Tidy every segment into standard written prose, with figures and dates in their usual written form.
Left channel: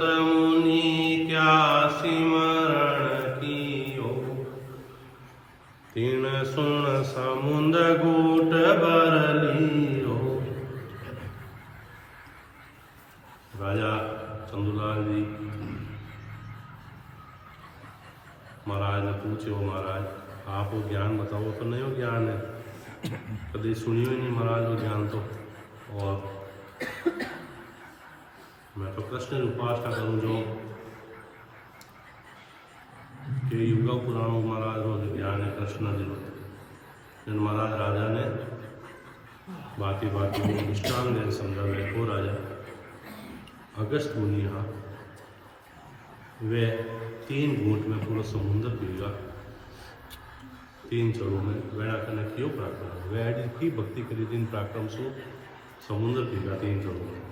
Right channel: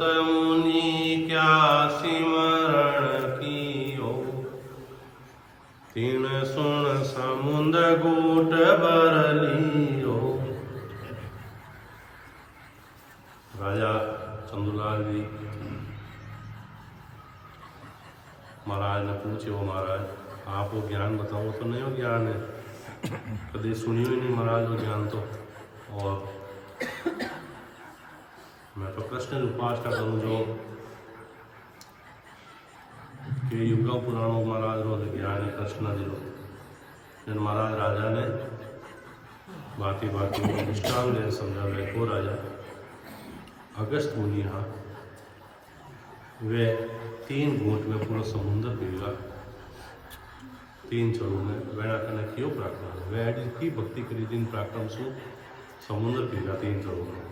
मुनि क्या सिमरण कियो, तीन सुन समुंद गूट बर लियो। राजा चंदूलाल जी महाराज ने पूछो, महाराज आप वो ज्ञान बताओ। तो नहीं हो ज्ञान है, कभी सुनियो ही नहीं महाराज वो ज्ञान। तो और मैं तो कृष्ण की उपासना करूँ जो कि युग पुराणों महाराज रो ज्ञान है कृष्ण जी रो। जिन महाराज राजा ने बाकी निष्ठान देन समझावे को राजा अगस्त मुनि हाँ वे 3 घूंट में पूरा समुद्र पीगा, 3 चढ़ू में वेणा कने क्यों पराक्रम वे की भक्ति करी जिन पराक्रम सु समुद्र पीगा 3 चढ़ू में।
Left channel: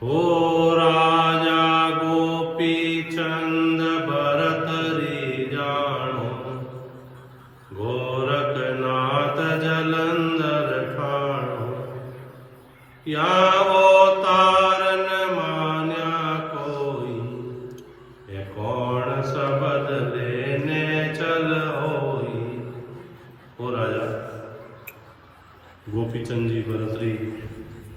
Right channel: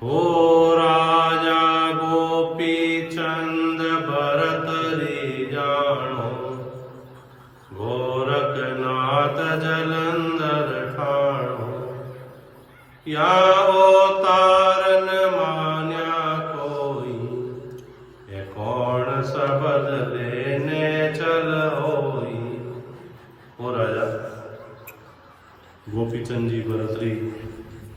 हो राजा गोपी चंद भरत री जानो, गोरखनाथ जलंधर ठाणो। या अवतारन मान्या कोई, ये कौन सबद लेने चल होई। हो राजा गोपीचंद जी भरत री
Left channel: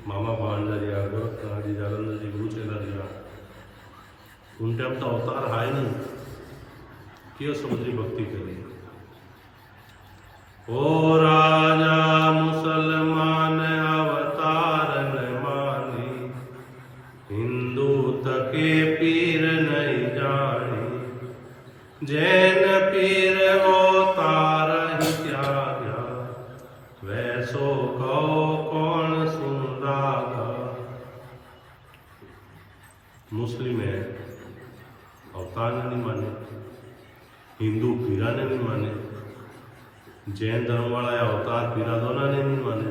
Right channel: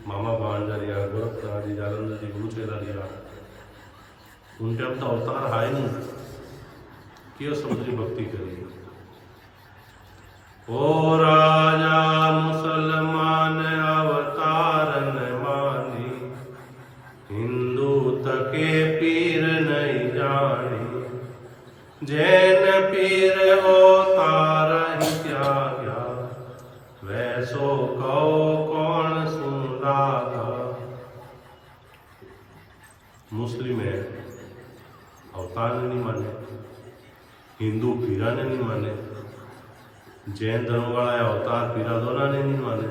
मामा भांजा गोरखनाथ जी जालंधर जी गुरु चेला रिया उन टाइम तो अवतार हाय नहीं क्यों समुद्री भक्ति करी। ओ राजा मुसलमान अवतार न मानी, हिंदू तके पीर नहीं जानी। जैन पीर अवतार ही त्याग्या, वैसो कहो कौन सुन लागा। मुस्लिम है अवतार ने नहीं माने, हिंदू पीरा ने नहीं माने, जैन धर्म वाला या अवतार पीरा दोनों ने नहीं माने।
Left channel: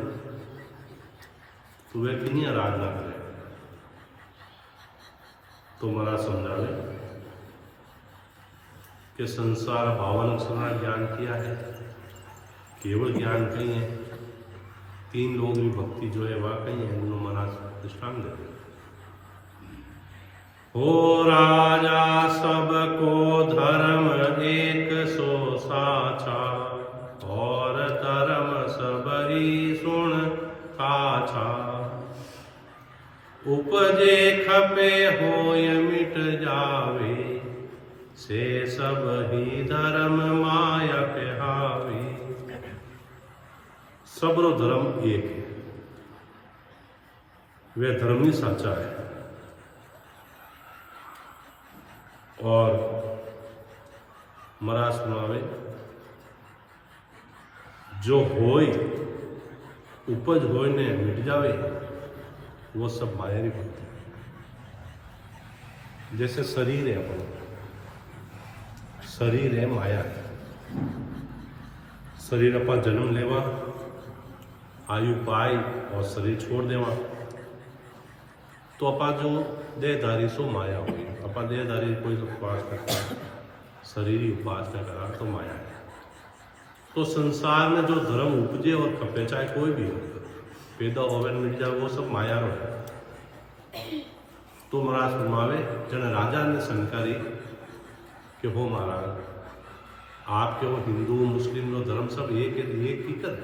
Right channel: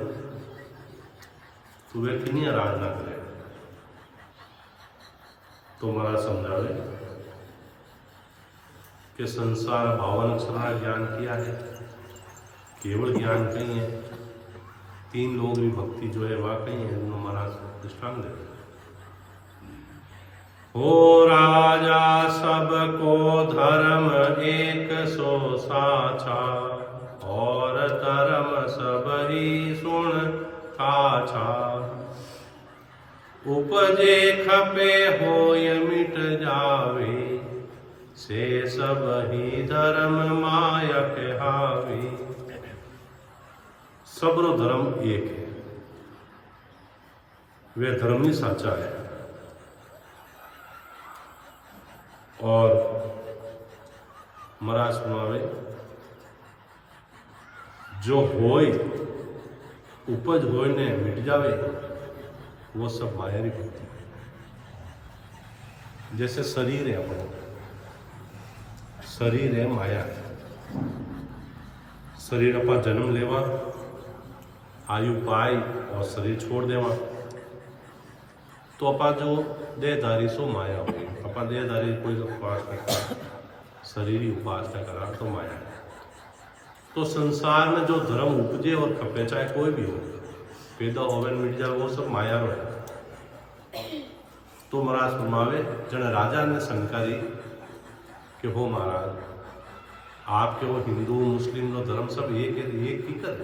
तो वे कितनी आराधना करे। तो महाराज समझावे कि संसार भावन अक्षर ज्ञान किया है, केवल ज्ञान कहीं है। 3 लोग भी भक्ति जो है वह कहीं है, दोनों महाराज दृष्टांत देते हैं। हो राजा सबको धर्म एक सो साचा, और धर्म सब ही सुन काछा। उपजे खपे होय मिट जावे, से सब ही धर्म माया कहावे। सबरो धर्म एक है, वे धर्म ही साचा है। और महाराज सुनावे जो होय उपज होय ने मिट जावे वो सब माया री भक्ति। जैसे शरीर है अपन, शरीर है माया है। शरीर अपन जन्म लेवा, आयु पाई और शरीर छोड़ देवा, तो अपा जो देहधारी सो माया हुई। अपा देहधारी कोई उपासना करा, शरीर ही उपासना करा तो माया है। तो संसार में जो धर्म उपजे और खपे चाहे कोई भी हो, पैदा होवे मिट जाए, वो सब माया रो है। तो महाराज फरमावे जन राजा ने शंका दी कि हो महाराज आपके वो हिंदू मुस्लिम रो धर्म सब एक ही कर।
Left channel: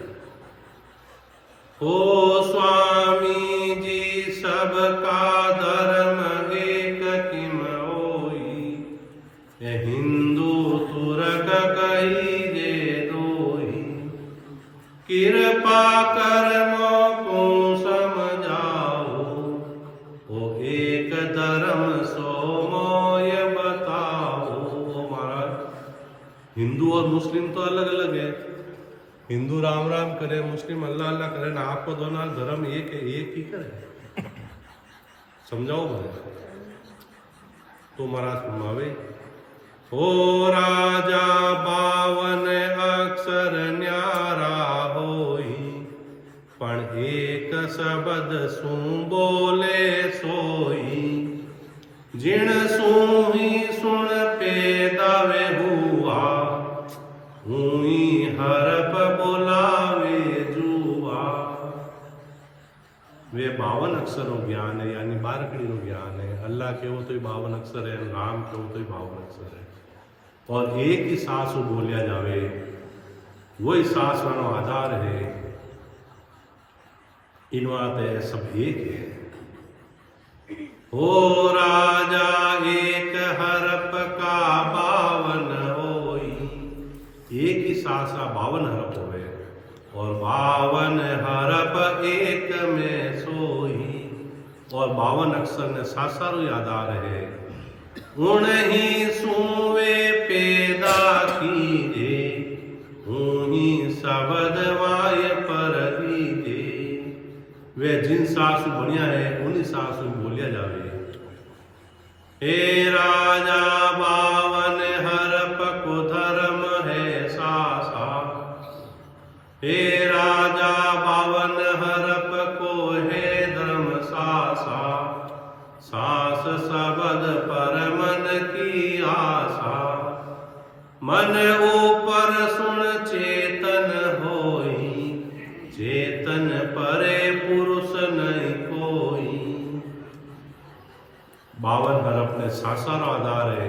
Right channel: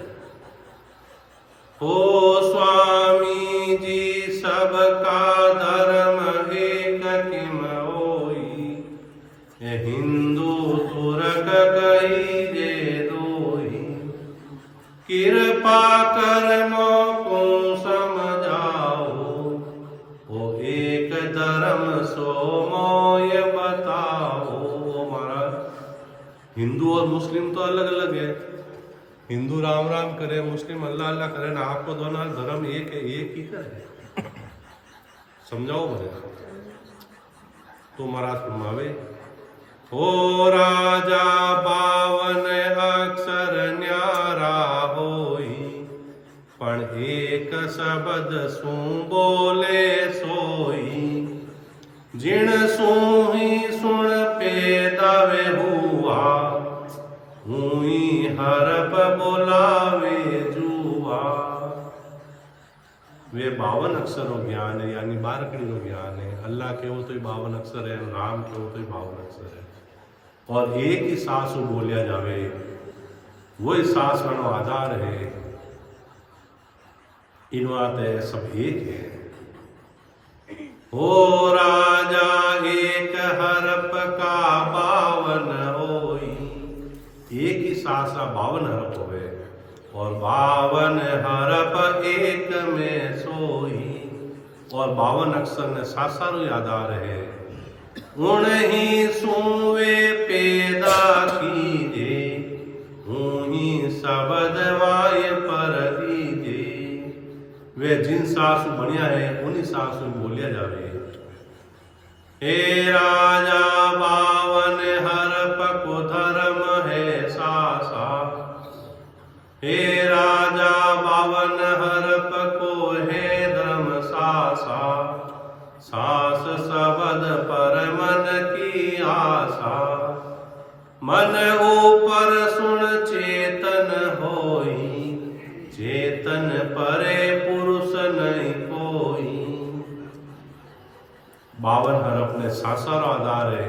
हो स्वामी जी सबका धर्म एक किम होई, हिंदू तुरक कही जे रोई। कृपा कर मोको समझाओ, ओ एक धर्म सो मोय बताओ। महाराज हिंदू और मुस्लिम तो अलग अलग है, हिंदू राम राम करे, मुस्लिम अल्लाह अल्लाह करे ना, आपको दोनों धर्म एक है, एक ही करे। समझाओ भले। तो महाराज फरमावे हो राजा 52 अक्षर न्यारा होई, पण एक शब्द सू बोले सोई। जिण सू ही सुन पेदावे हुआ, हुई हरप बोलावे जुआ। वे 52 अक्षरों ज्ञान है, यानी 12 कड़ी ज्ञान है। अल्लाह कहो तो 52 अक्षर है, राम कहो तो 52 अक्षर है। और एक ही सांस बोलिया जावे, वही सांस रो आधार है। इन बात सब एक है। हो राजा एक हरप का 52 होई, एक ही सांस 52 हरप होवे, और 52 हरप एक में सोई। और 52 अक्षर ने सासारो आधार है। उन्हीं सुवे पैदा कीजे, उन्हीं शब्द वाय पर लीजे। वे जिन सासु बनिया है उन्हीं सासु बोलिया जावे। हे राजा 52 हरप को धर्म है सासा, हे राजा 52 हरप को है धर्म सासा। सास शब्द पर मन की आशा, मन ऊपर सुन चेतन होई, चेतन परे पुरुष नहीं कोई। 52 हरप ने सासारो आधार है।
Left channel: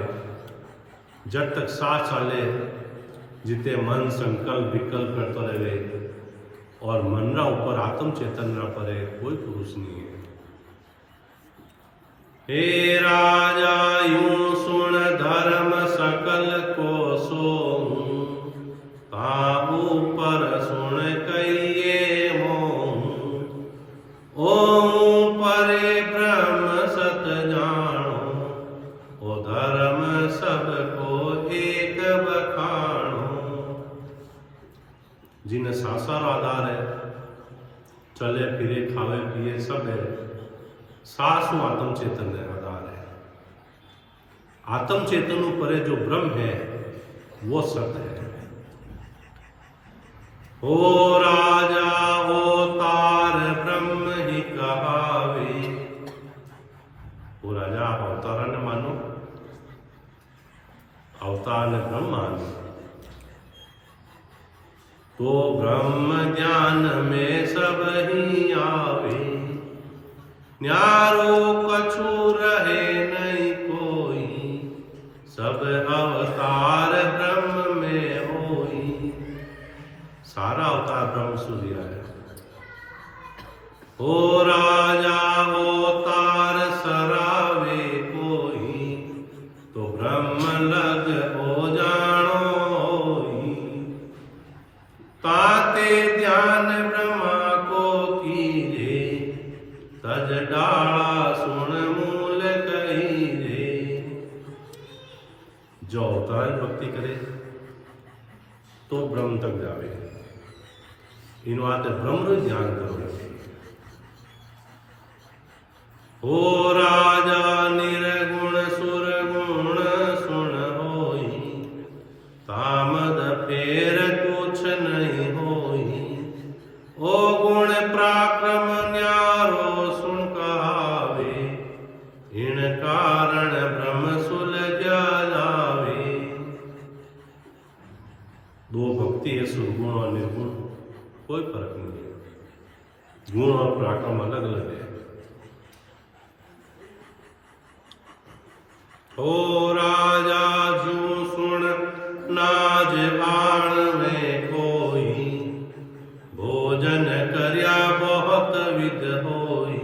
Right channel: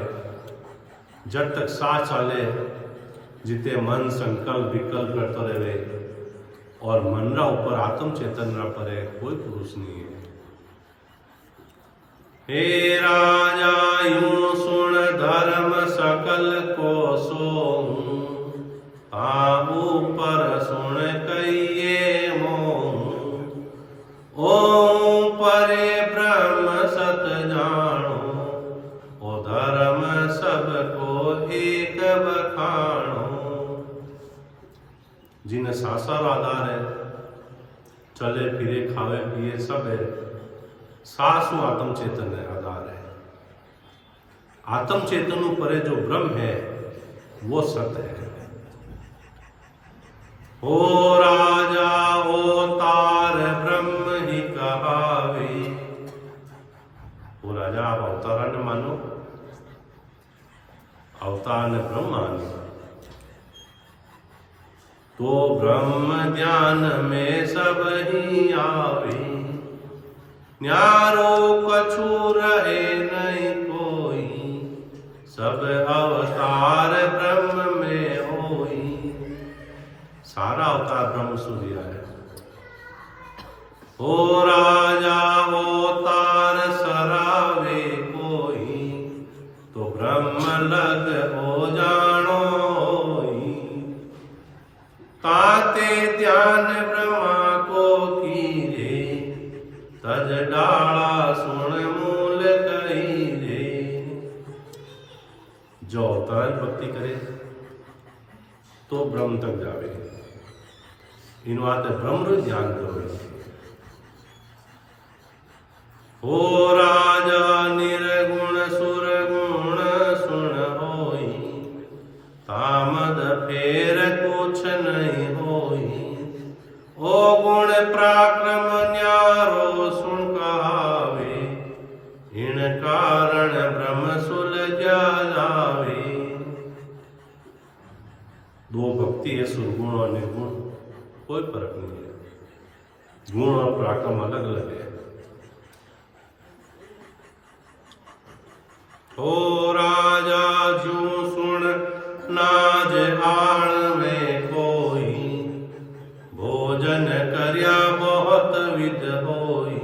जब तक सांस चाले, जिते मन संकल्प विकल्प करते रहे और मन रा ऊपर आत्म चेतन रा परे कोई पुरुष नहीं है। हे राजा यूं सुन धर्म सकल को सोऊं, ताहू पर सुन कहिए मोहूं। ओम परे ब्रह्म सत जानो, ओ धर्म सबको एक बखानो। जिन्हें सासार आधार है, चले फिरे खावे पिए सब है, सासु आत्म चेतन है आधार है। आत्म चेतन परे जो ब्रह्म है वो सत्य है। ओ राजा ओ तार ब्रह्म ही कहावे। ओ राजा आप अवतारा ने मानो, अवतार ने ब्रह्म मानो, तो ब्रह्म ज्ञान में सब ही आवे। न्यारो कछु रहे नहीं कोई, सब अवतार ब्रह्म में होई। सारा अवतार ब्रह्म सूर्य है। ओ राजा अवतार सरावे कोई, तो ब्रह्म लग हो जानो होई। ताते ध्यान ब्रह्मा को कीजे, तज डाला सुन मूल कहीजे। जो अवतार भक्ति करे तो ब्रह्म तक जावे। इन बात ब्रह्म ध्यान करो। हो राजा निर्गुण सुरगुण सुन होई, तामद फेर कुछ नहीं होई। ओ गुण पराक्रम न्यारो सुन कहावे, इन कारण ब्रह्म सुलझा जावे। दो भक्ति है, सुरगुण और निर्गुण, कोई फर्क नहीं है। गुण और पराक्रम अलग अलग है। ओ राजा जू सुन नाज आण में कोई, भोजन करया बहुत विध होई।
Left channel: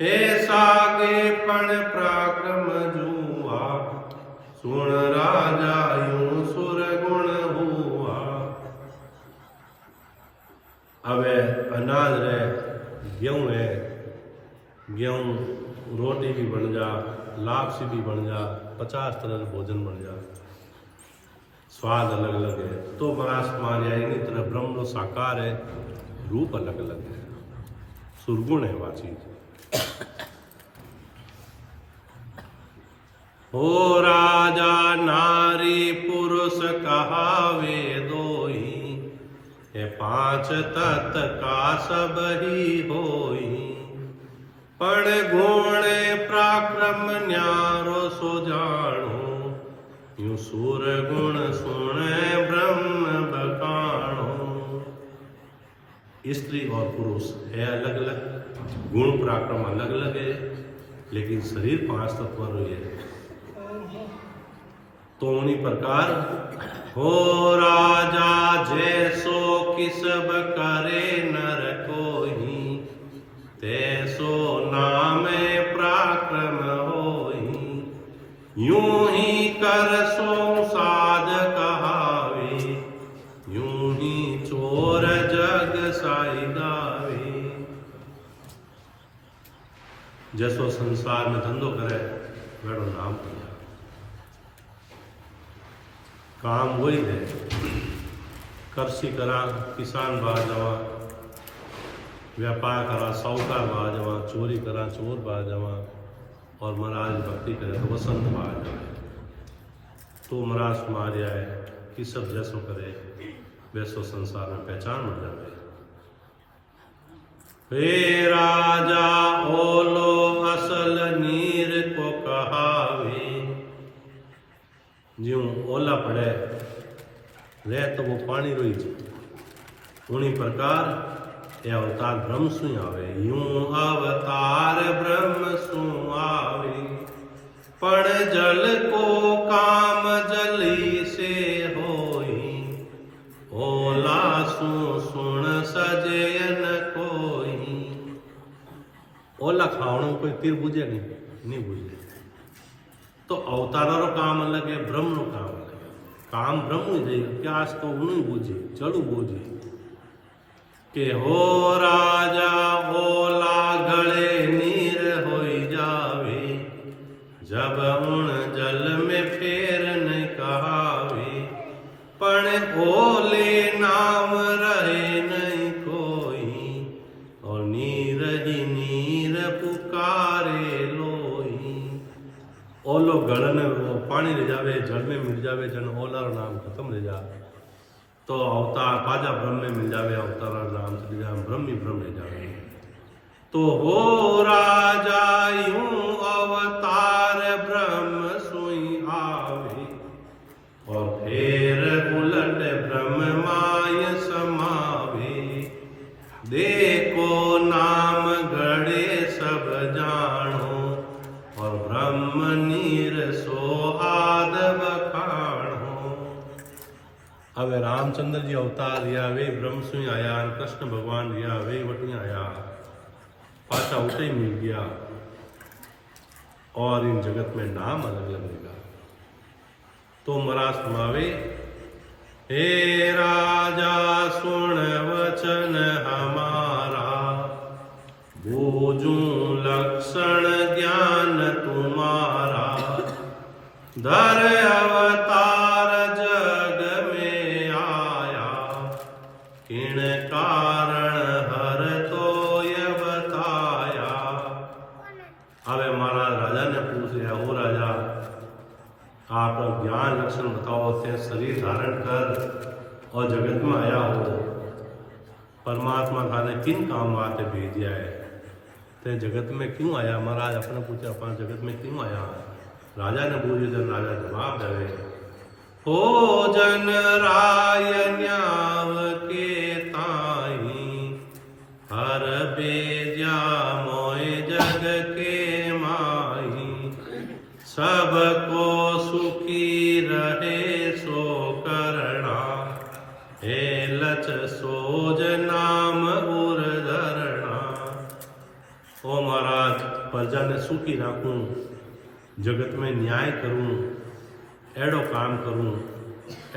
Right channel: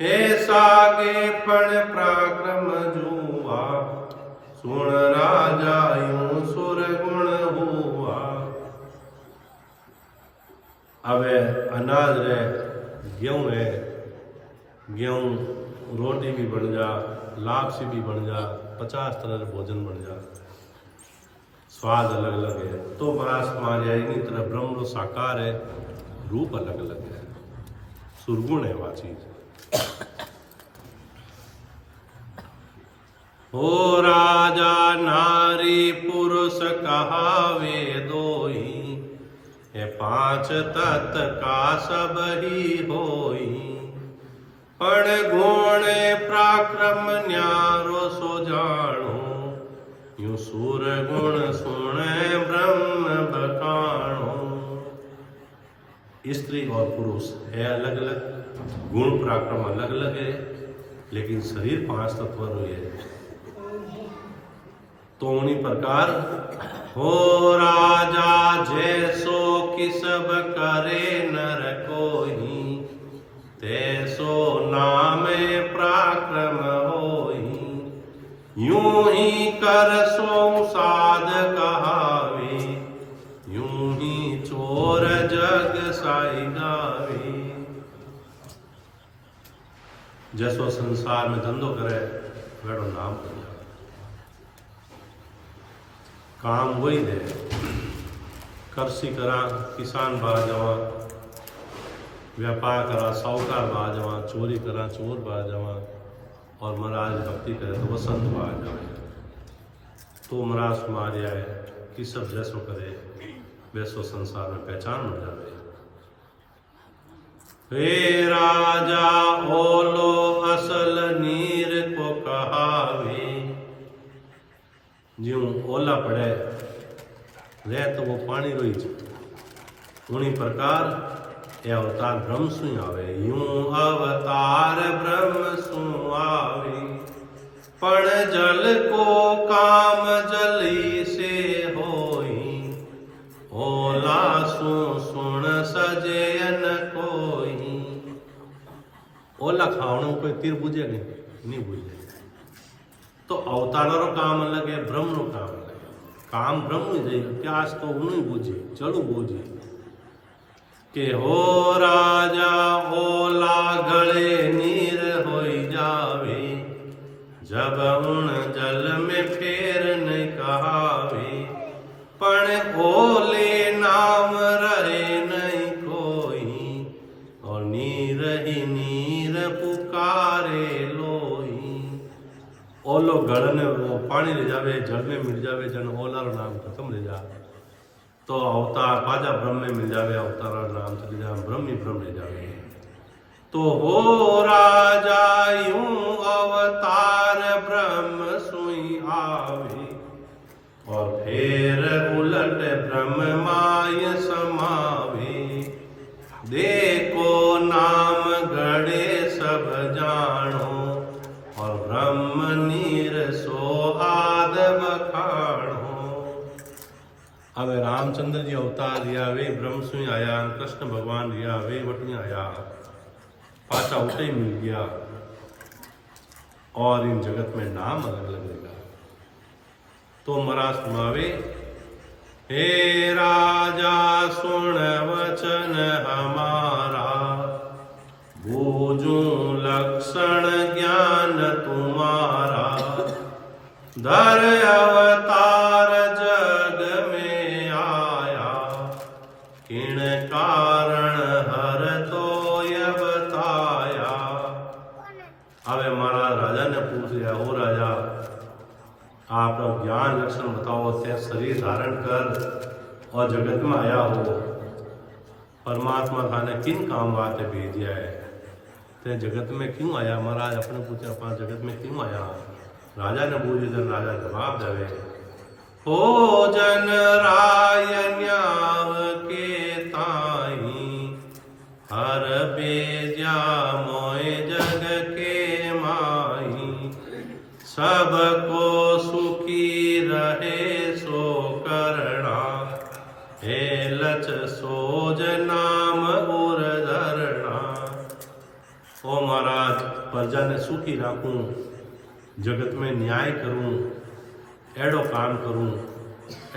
ऐसा गे पण पराक्रम जुआ, सुन राजा यूं सुर गुण हुआ। अब अनाज है, गेहूं है, गेहूं रोटी भी बन जा, लापसी भी बन जा, 50 तरह के भोजन बन जा, स्वाद अलग अलग है। तो परास मारिया इन्हीं तरह ब्रह्म रो साकार है, रूप अलग अलग है, सुरगुण है वह चीज। हो राजा नारी पुरुष कहावे दोई, ये 5 तत्व का सब ही होई। पण गुण पराक्रम न्यारो सो जानो, यूं सूर गुण सुने ब्रह्म बखानो। स्त्री और पुरुष है अलग अलग, गुण पराक्रम अलग अलग है, लेकिन शरीर 5 तत्व रो है। तो उन्हीं प्रकार हो राजा जैसो किसब करे नर कोई, तैसो नामे पराक्रम होई। यूं ही कर सो साध कहावे, यूं ही चोर जग साई गावे। जैसो संसार में धंधो करे वेड़ो नाम पर जावे। काम वही है, कृषि करा किसान बा जवा, व्यापार करा साहूकार बा जवा, चोरी करा चोर बा जवा, और महाराज भक्ति करे तो वसंत बा जावे। तो महाराज समाज आए कि सब जैसो करे वैसो संसार में पहचान मिल जावे। हे राजा ओलो असल नीर को कहावे, ज्यों ओला पड़े रह तो वो पानी रोई जा। उन्हीं प्रकार ये अवतार ब्रह्म सु आवे। यूं अवतार ब्रह्म सु आवे, पण जल को काम जली से होई। ओला सु सुन सजयन कोई। ओला खावणो कोई तीर बुझे नहीं बुझे। तो अवतारो काम अलग है, ब्रह्म नो काम अलग है। काम ब्रह्म ही देगा, प्यास तो उन्हें बुझी चलू बोझी के हो राजा ओला गले नीर होई जावे। जब उन जल में फेर नहीं कहावे, पण ओले नाम रहे नहीं कोई। और नीर ही नीर पुकारे लोई। ओलो गल ने वो पानी ले जावे, जल में मिल जावे, जन ओला रो नाम खत्म ले जा। तो अवतार पाजा ब्रह्म में मिल जावे, अवतार नाम चले जा, ब्रह्म ही ब्रह्म ले जावे। तो हो राजा यूं अवतार ब्रह्म सुई आवे। और फिर उलट ब्रह्म माय समावे। देखो नाम गढ़े सब जानो, और ब्रह्म नीर सो आद बखाणो। अब रामचंद्र जी अवतार रिया वे ब्रह्म सुई आया, कृष्ण भगवान रिया वे वटनी आया, पाचा उठे ही मिल गया। और इन जगत में नाम अलग अलग रहेगा। तो महाराज सुनावे, हे राजा सुन वचन हमारा। बूझू लक्षण ज्ञान तुम्हारा। धर अवतार जग में आया, किण कारण हर तो ये बताया। अबे महाराज राजा ने पूछ लिया, हो राजा आप ज्ञान लक्षण बताओ। से शरीर धारण कर और जगत में आया हो, परमात्मा थाने किन काम वास्ते भेजिया है? ते जगत में क्यों आया? महाराज अपने पूछे, अपना जगत में क्यों आया? राजा ने पूछे, जन राजा जवाब देवे, हो जन राय न्याव के ताई। हर बेजा मोय जग के माई। सबको सुखी रहे सो करना। हे लच सोज नाम उर धरना। ओ महाराज प्रजा ने सुखी राखूं, जगत में न्याय करूं, एड़ो काम करूं,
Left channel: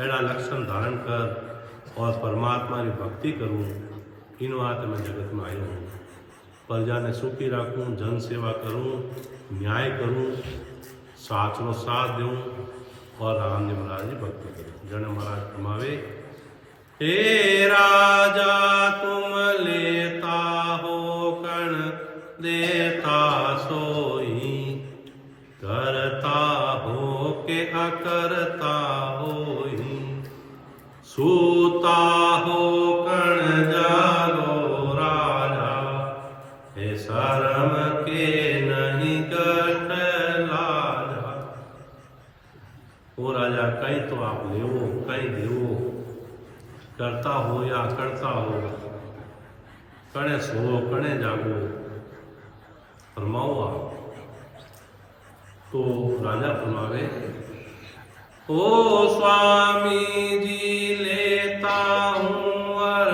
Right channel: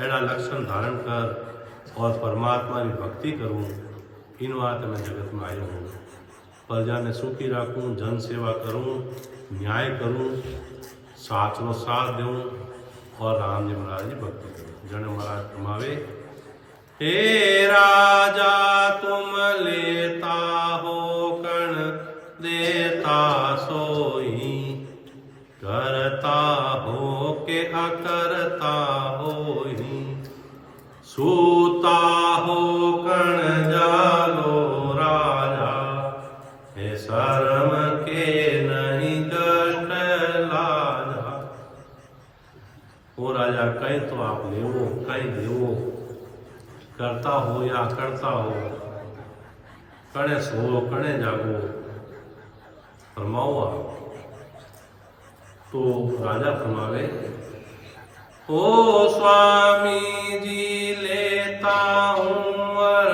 एड़ा लक्षण धारण कर और परमात्मा की भक्ति करूं। इन वास्ते मैं जगत में आयो हूँ। प्रजा ने सुखी राखूं, जन सेवा करूं, न्याय करूं, साथ नो साथ दूं और राम जी महाराज की भक्ति करूं। जन महाराज कमावे, हे राजा तुम लेता हो कण देता सोई। करता हो के अकरता होई। सूता हो कण जागो राजा। हे शर्म के नहीं कट लाजा। ओ राजा कहीं तो आप लेवो कहीं देवो। करता हो या करता हो, कणे सो कणे जागो। फरमाओ आप। तो राजा फरमावे, ओ स्वामी जी लेता हूँ वर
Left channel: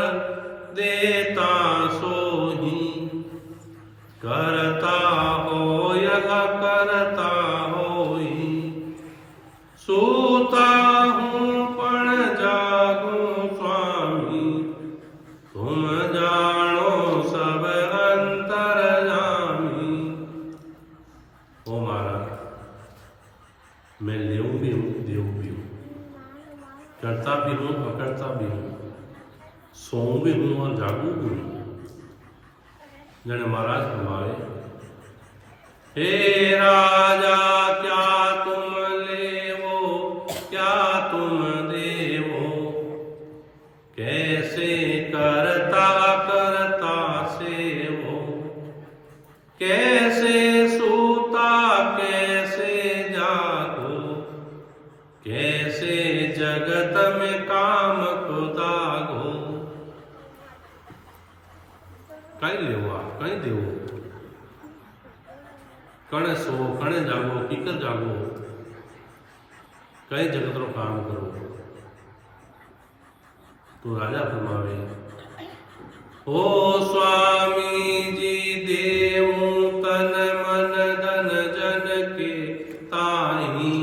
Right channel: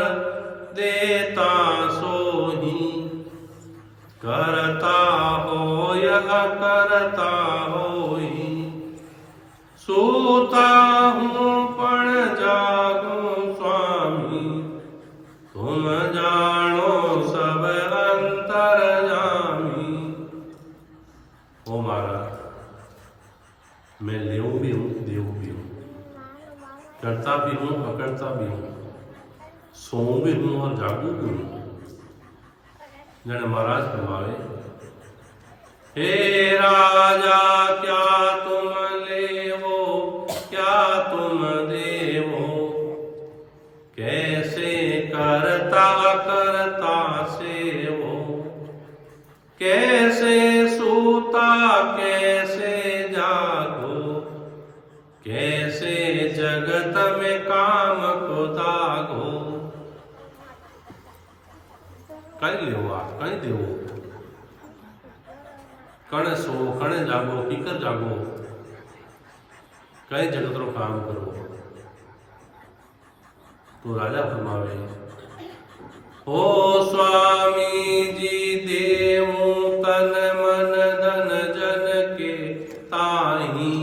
देता सोही, करता हो या करता होई, सूता हूँ पण जागूं स्वामी, तुम जानो सब अंतरजामी। ओ महाराज, मैं लेऊं भी हूँ देऊ भी हूँ, करता भी हूँ अकरता भी हूँ, सोऊं भी हूँ और जागू भी हूँ। जने महाराज फरमावे, हे राजा क्या तुम लेवो क्या तुम देवो, कैसे करता करता सेवो, कैसे सूता कैसे जागो, कैसे जगत में काम को दागो। कहीं लेवो आप कहीं देवो, कणे सो कणे जागो कीकर जागो, कहीं जगत रो काम करो। तो राजा फरमावे, ओ स्वामी जी देवूं तन मन धन जन के ताही,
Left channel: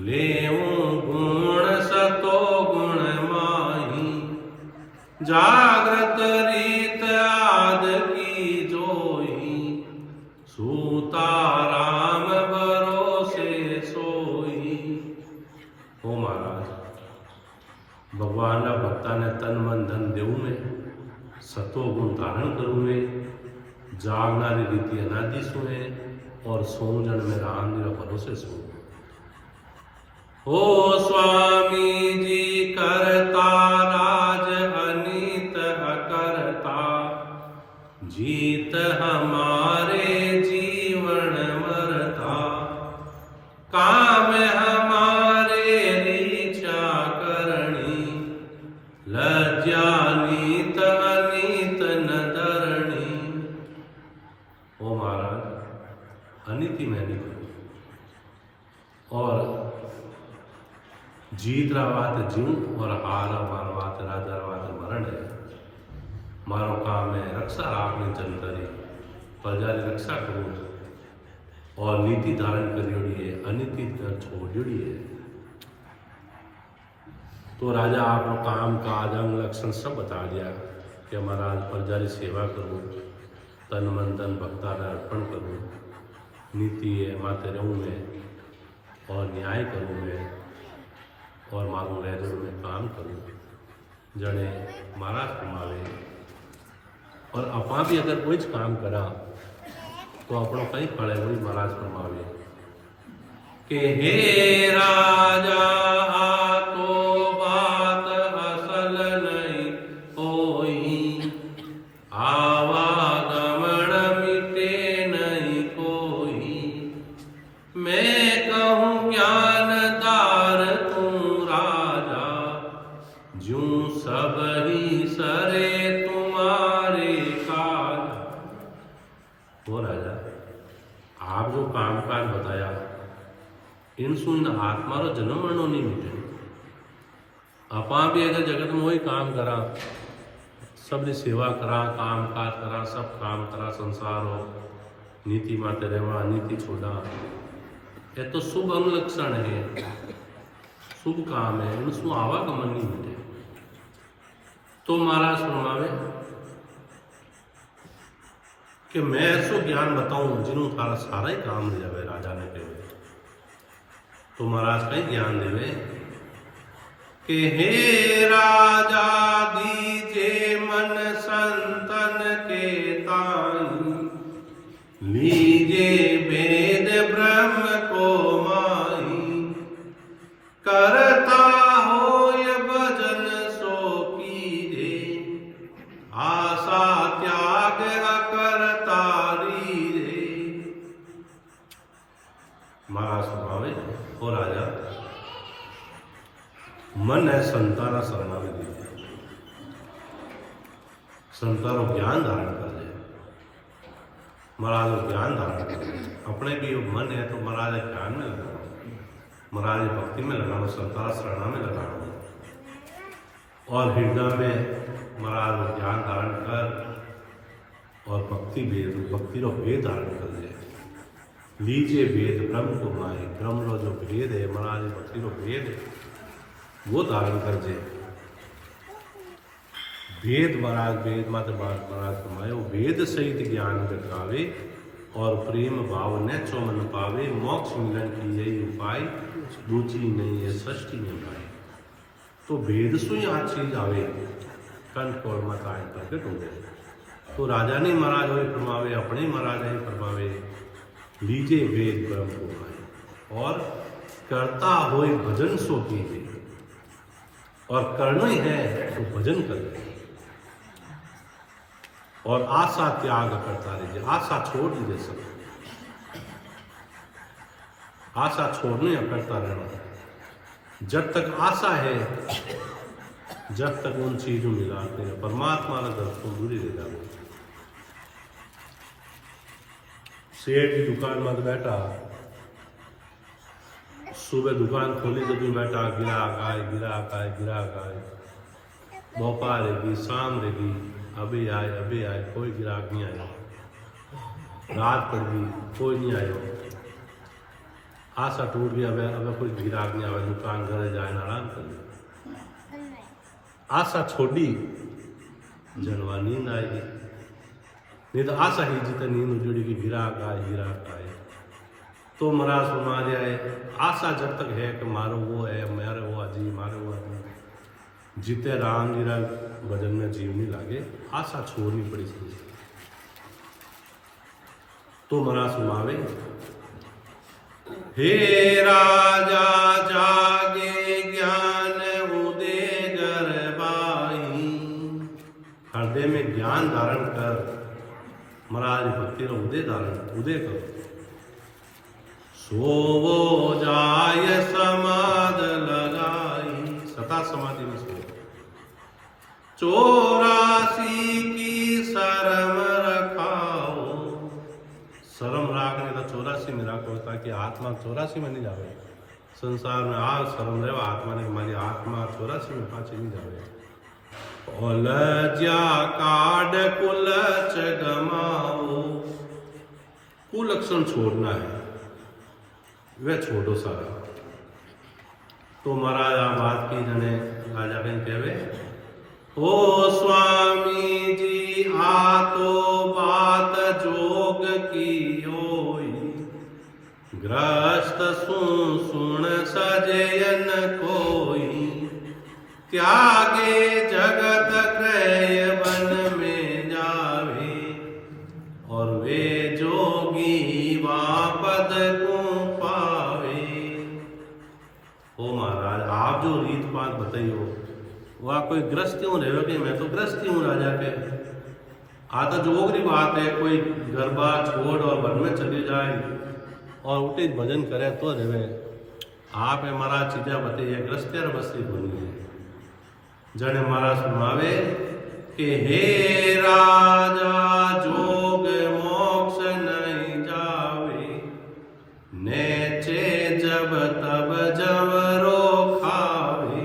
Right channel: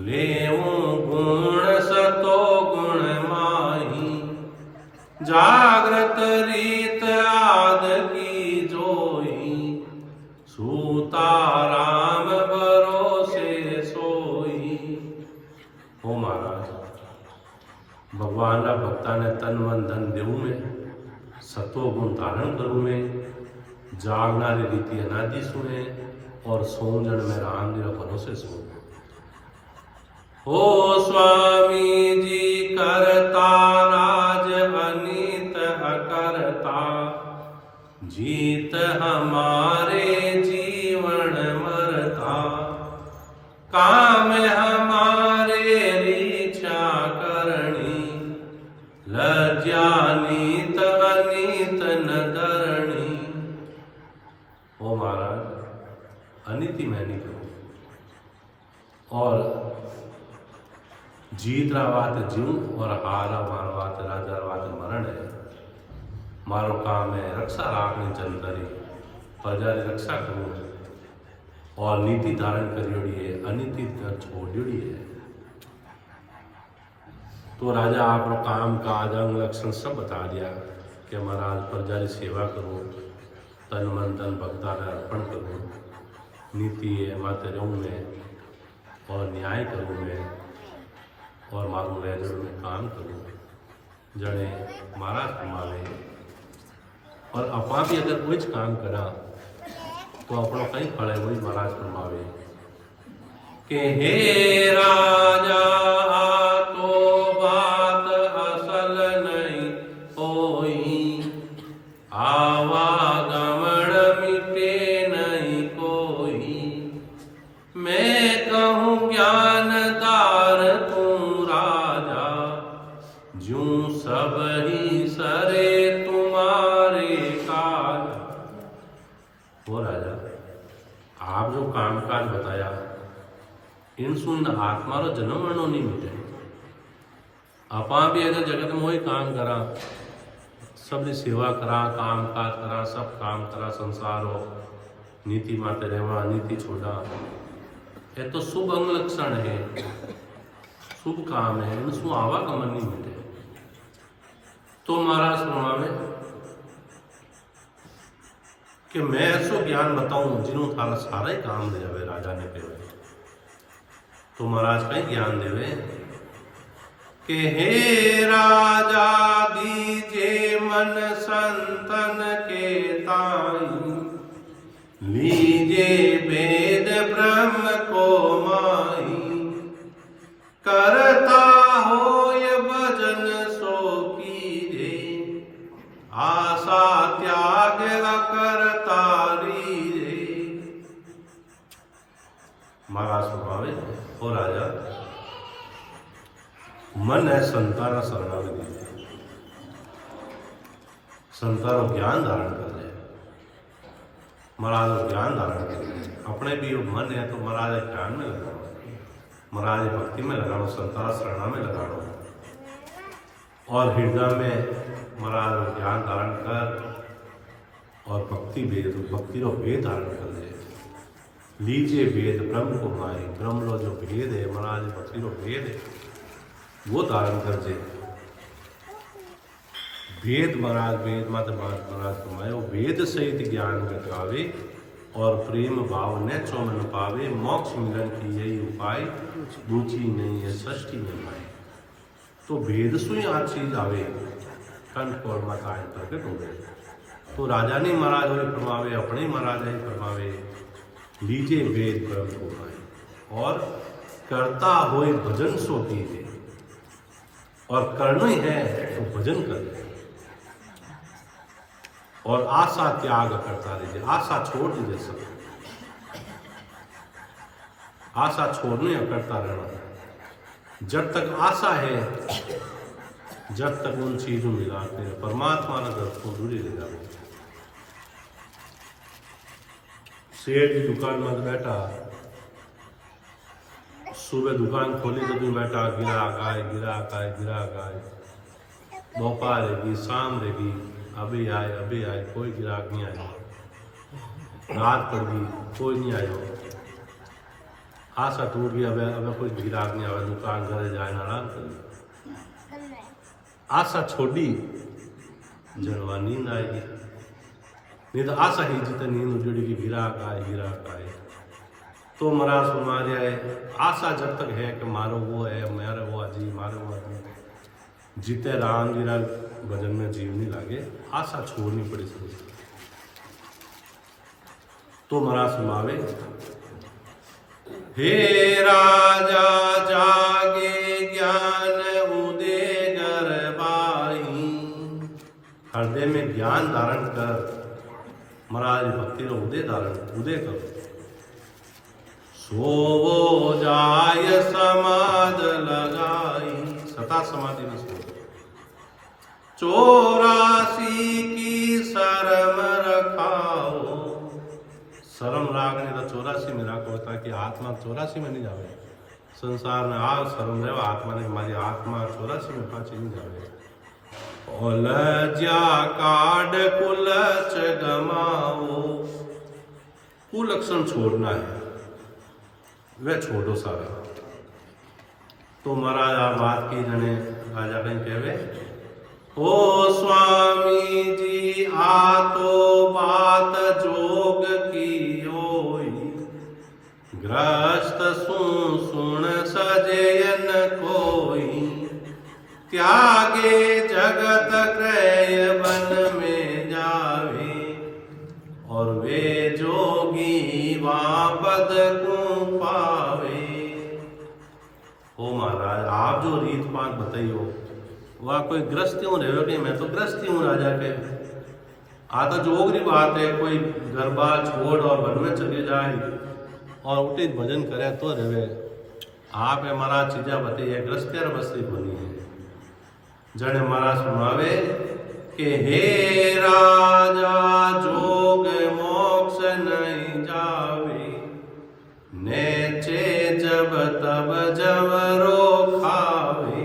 लेवूं गुण सतो गुण माही, जागृत रीत आद की जोई, सूता राम भरोसे सोई। हो महाराज, भगवान रा भक्ता ने तन मन धन देवू में, सतो गुण धारण करू में, जागनारी रीति अनादि सुने और सोजन में राम जी भरोसे सो। हो स्वामी जी करता राज अनीत अकरता, जीत हमारे जीवन मरता, काम हमारे रीचा करणी, लज्जा नीत अनीत न धरणी। ओ महाराज, अनीति मैं नहीं करूं और जीत रहा बात जीऊं और हारा मानवात राजा बात मरण है। मारो काम है रक्षा राखने जनतरी, प्रजा की रक्षा करूं और नीति धारण करियोड़ी है, अनीति छोड़ियोड़ी है। तो राजा आपको काम काज अंग लक्षण सब बता दिया कि महाराज प्रजा की सेवा करूं, तन मन धन भक्ता में अर्पण करूं, नीति है माते रहूं मैं और न्याय करूं मैं और मारू रेजड़ में काम करूं। जड़े महाराज कमावे और अपा भी अगर कोई काम करा तो अपनों कहीं फले वही महाराज कमावे कि हे राजा तो बात असल नहीं होई, आवागमन मिटे नहीं कोई, मैं कहूँ ज्ञानदार तू राजा, जूं सब ही सरे तुम्हारे काज। हो राजा, आप जो काम काज बताया इन सुन आत्मा रो जन्म मरणो नहीं मिटे। अपा भी अगर जगत में वही काम करा, सबकी सेवा करा, काम काज करा, सब काम करा, संसार हो नीति माते रहवा, नीति छोड़ा, ये तो शुभ अंग लक्षण है, शुभ काम है, इनसु आवागमन नहीं मिले। तो महाराज फरमावे कि मैं ऐसो ज्ञान बताऊं जिन्हों थारा सारा ही काम ले जावे। राजा ने कहे तो महाराज कहीं ज्ञान देवे कि हे राजा दीजे मन संतन के ताई, लीजे वेद ब्रह्म को माई, करता हो ये भजन सो कीजे, आशा त्याग करता दीजे। महाराज स्वभाव हो राजा, मन है संतारा शरणागति दीजिए, संतारो ज्ञान धारण कर दे महाराज वो ज्ञान धारण करें। अपने भी वो मन है तो महाराज ज्ञान में लगाओ, महाराज भक्ति में लगाओ, संतान शरणा में लगाओ, और हृदय में महाराज वो ज्ञान धारण कर और भक्ति रो भेद धारण कर ले। लीजिए भेद ब्रह्म को माए, ब्रह्म रो जो भेद है महाराज भक्ति रो भेद है वो धारण कर दे। भेद महाराज वेद मात महाराज फरमायो, वेद सहित ज्ञान घटावे और प्रेम भाव न चौमन पावे, मोक्ष मिलन की यही उपाय, दूची नहीं है सृष्टि में पाए। तो भेद सुई आ चीज आवे कंठ और माता प्रकट हो गए। तो राजा ने महाराज हो फरमावे, अपने महाराज ही फरमावे, लीजिए वेद ब्रह्म को माए और करता होए भजन सो कीजिए, और करना ही है तो भजन कर दे, और आशा त्याग करता रहिए। आशा छोड़ दीजिए, सब आशा छोड़ने या करता रहना। जब तक आशा है, जब तक उन चीजों मिलाते हैं, परमात्मा ने दर्शकों दूरी ले जाते। सेठ की दुकान मत बैठा, सुबह दुकान खोली तो भी बैठा, गिराक आए गिराक आए गिराक आए, दोपहर रहेगी शाम रहेगी, अभी आए कोई गिराक नहीं आया, रात पड़ गई कोई नहीं आयो, आशा टूट गई, अब कोई गिराक नहीं आवे, दुकान घर जाए आराम कर ली। आशा छोड़ी जनवा नींद आएगी, नहीं तो आशा ही जितनी नींद उजड़ेगी, गिराक आए। तो महाराज फरमा दिया है, आशा जब तक है कि मारो वो है, मेरे वो अजी, मारे वो अजी, जिते राम जी रा भजन में जीव नहीं लागे, आशा छोड़नी पड़ी थी। तो महाराज फरमावे, हे राजा जागे ज्ञान उदय गरबाई, हृदय में ज्ञान धारण कर, महाराज भक्ति रो उदय करो। सोवो जाय समाध लगाई, सता समाधि में सो। 84 की शर्म रखाओ, शर्म राखने तो 84 में रखो, ताकि आत्मा 84 में नहीं जावे। संसार में आ शर्म रहे आत्मा ने, हमारी आत्मा 84 में पाछी नहीं जावे। और लज्जा काड कुलच गमाओ, कुलक्षण छोड़ना है, वह छोड़ो सारा। तो महाराज आ बात की जने राजा कहीं कहवे, ओ स्वामी जी आ तो बात जोग की होई, ग्रस्त सुन सजयन कोई, त्यागे जगत क्रय वन में जावे, और वे जोगी वापद को पावे। ओ महाराज आप जो रीत बात बताइयो, वह कोई ग्रस्त क्यों रहे कि मैं तो ग्रस्त हूँ राजा के, आता जोगरी बात है, कोई गरबा छोड़ और वन में चले जाए और उठे भजन करे तो रहे। आप है महाराज चीजा बताइए, ग्रस्त्यार बस्ती बनी है। जने महाराज सुनावे कि हे राजा जोग मोक्ष नहीं जावे, नेचे जब तब जवरो खावे,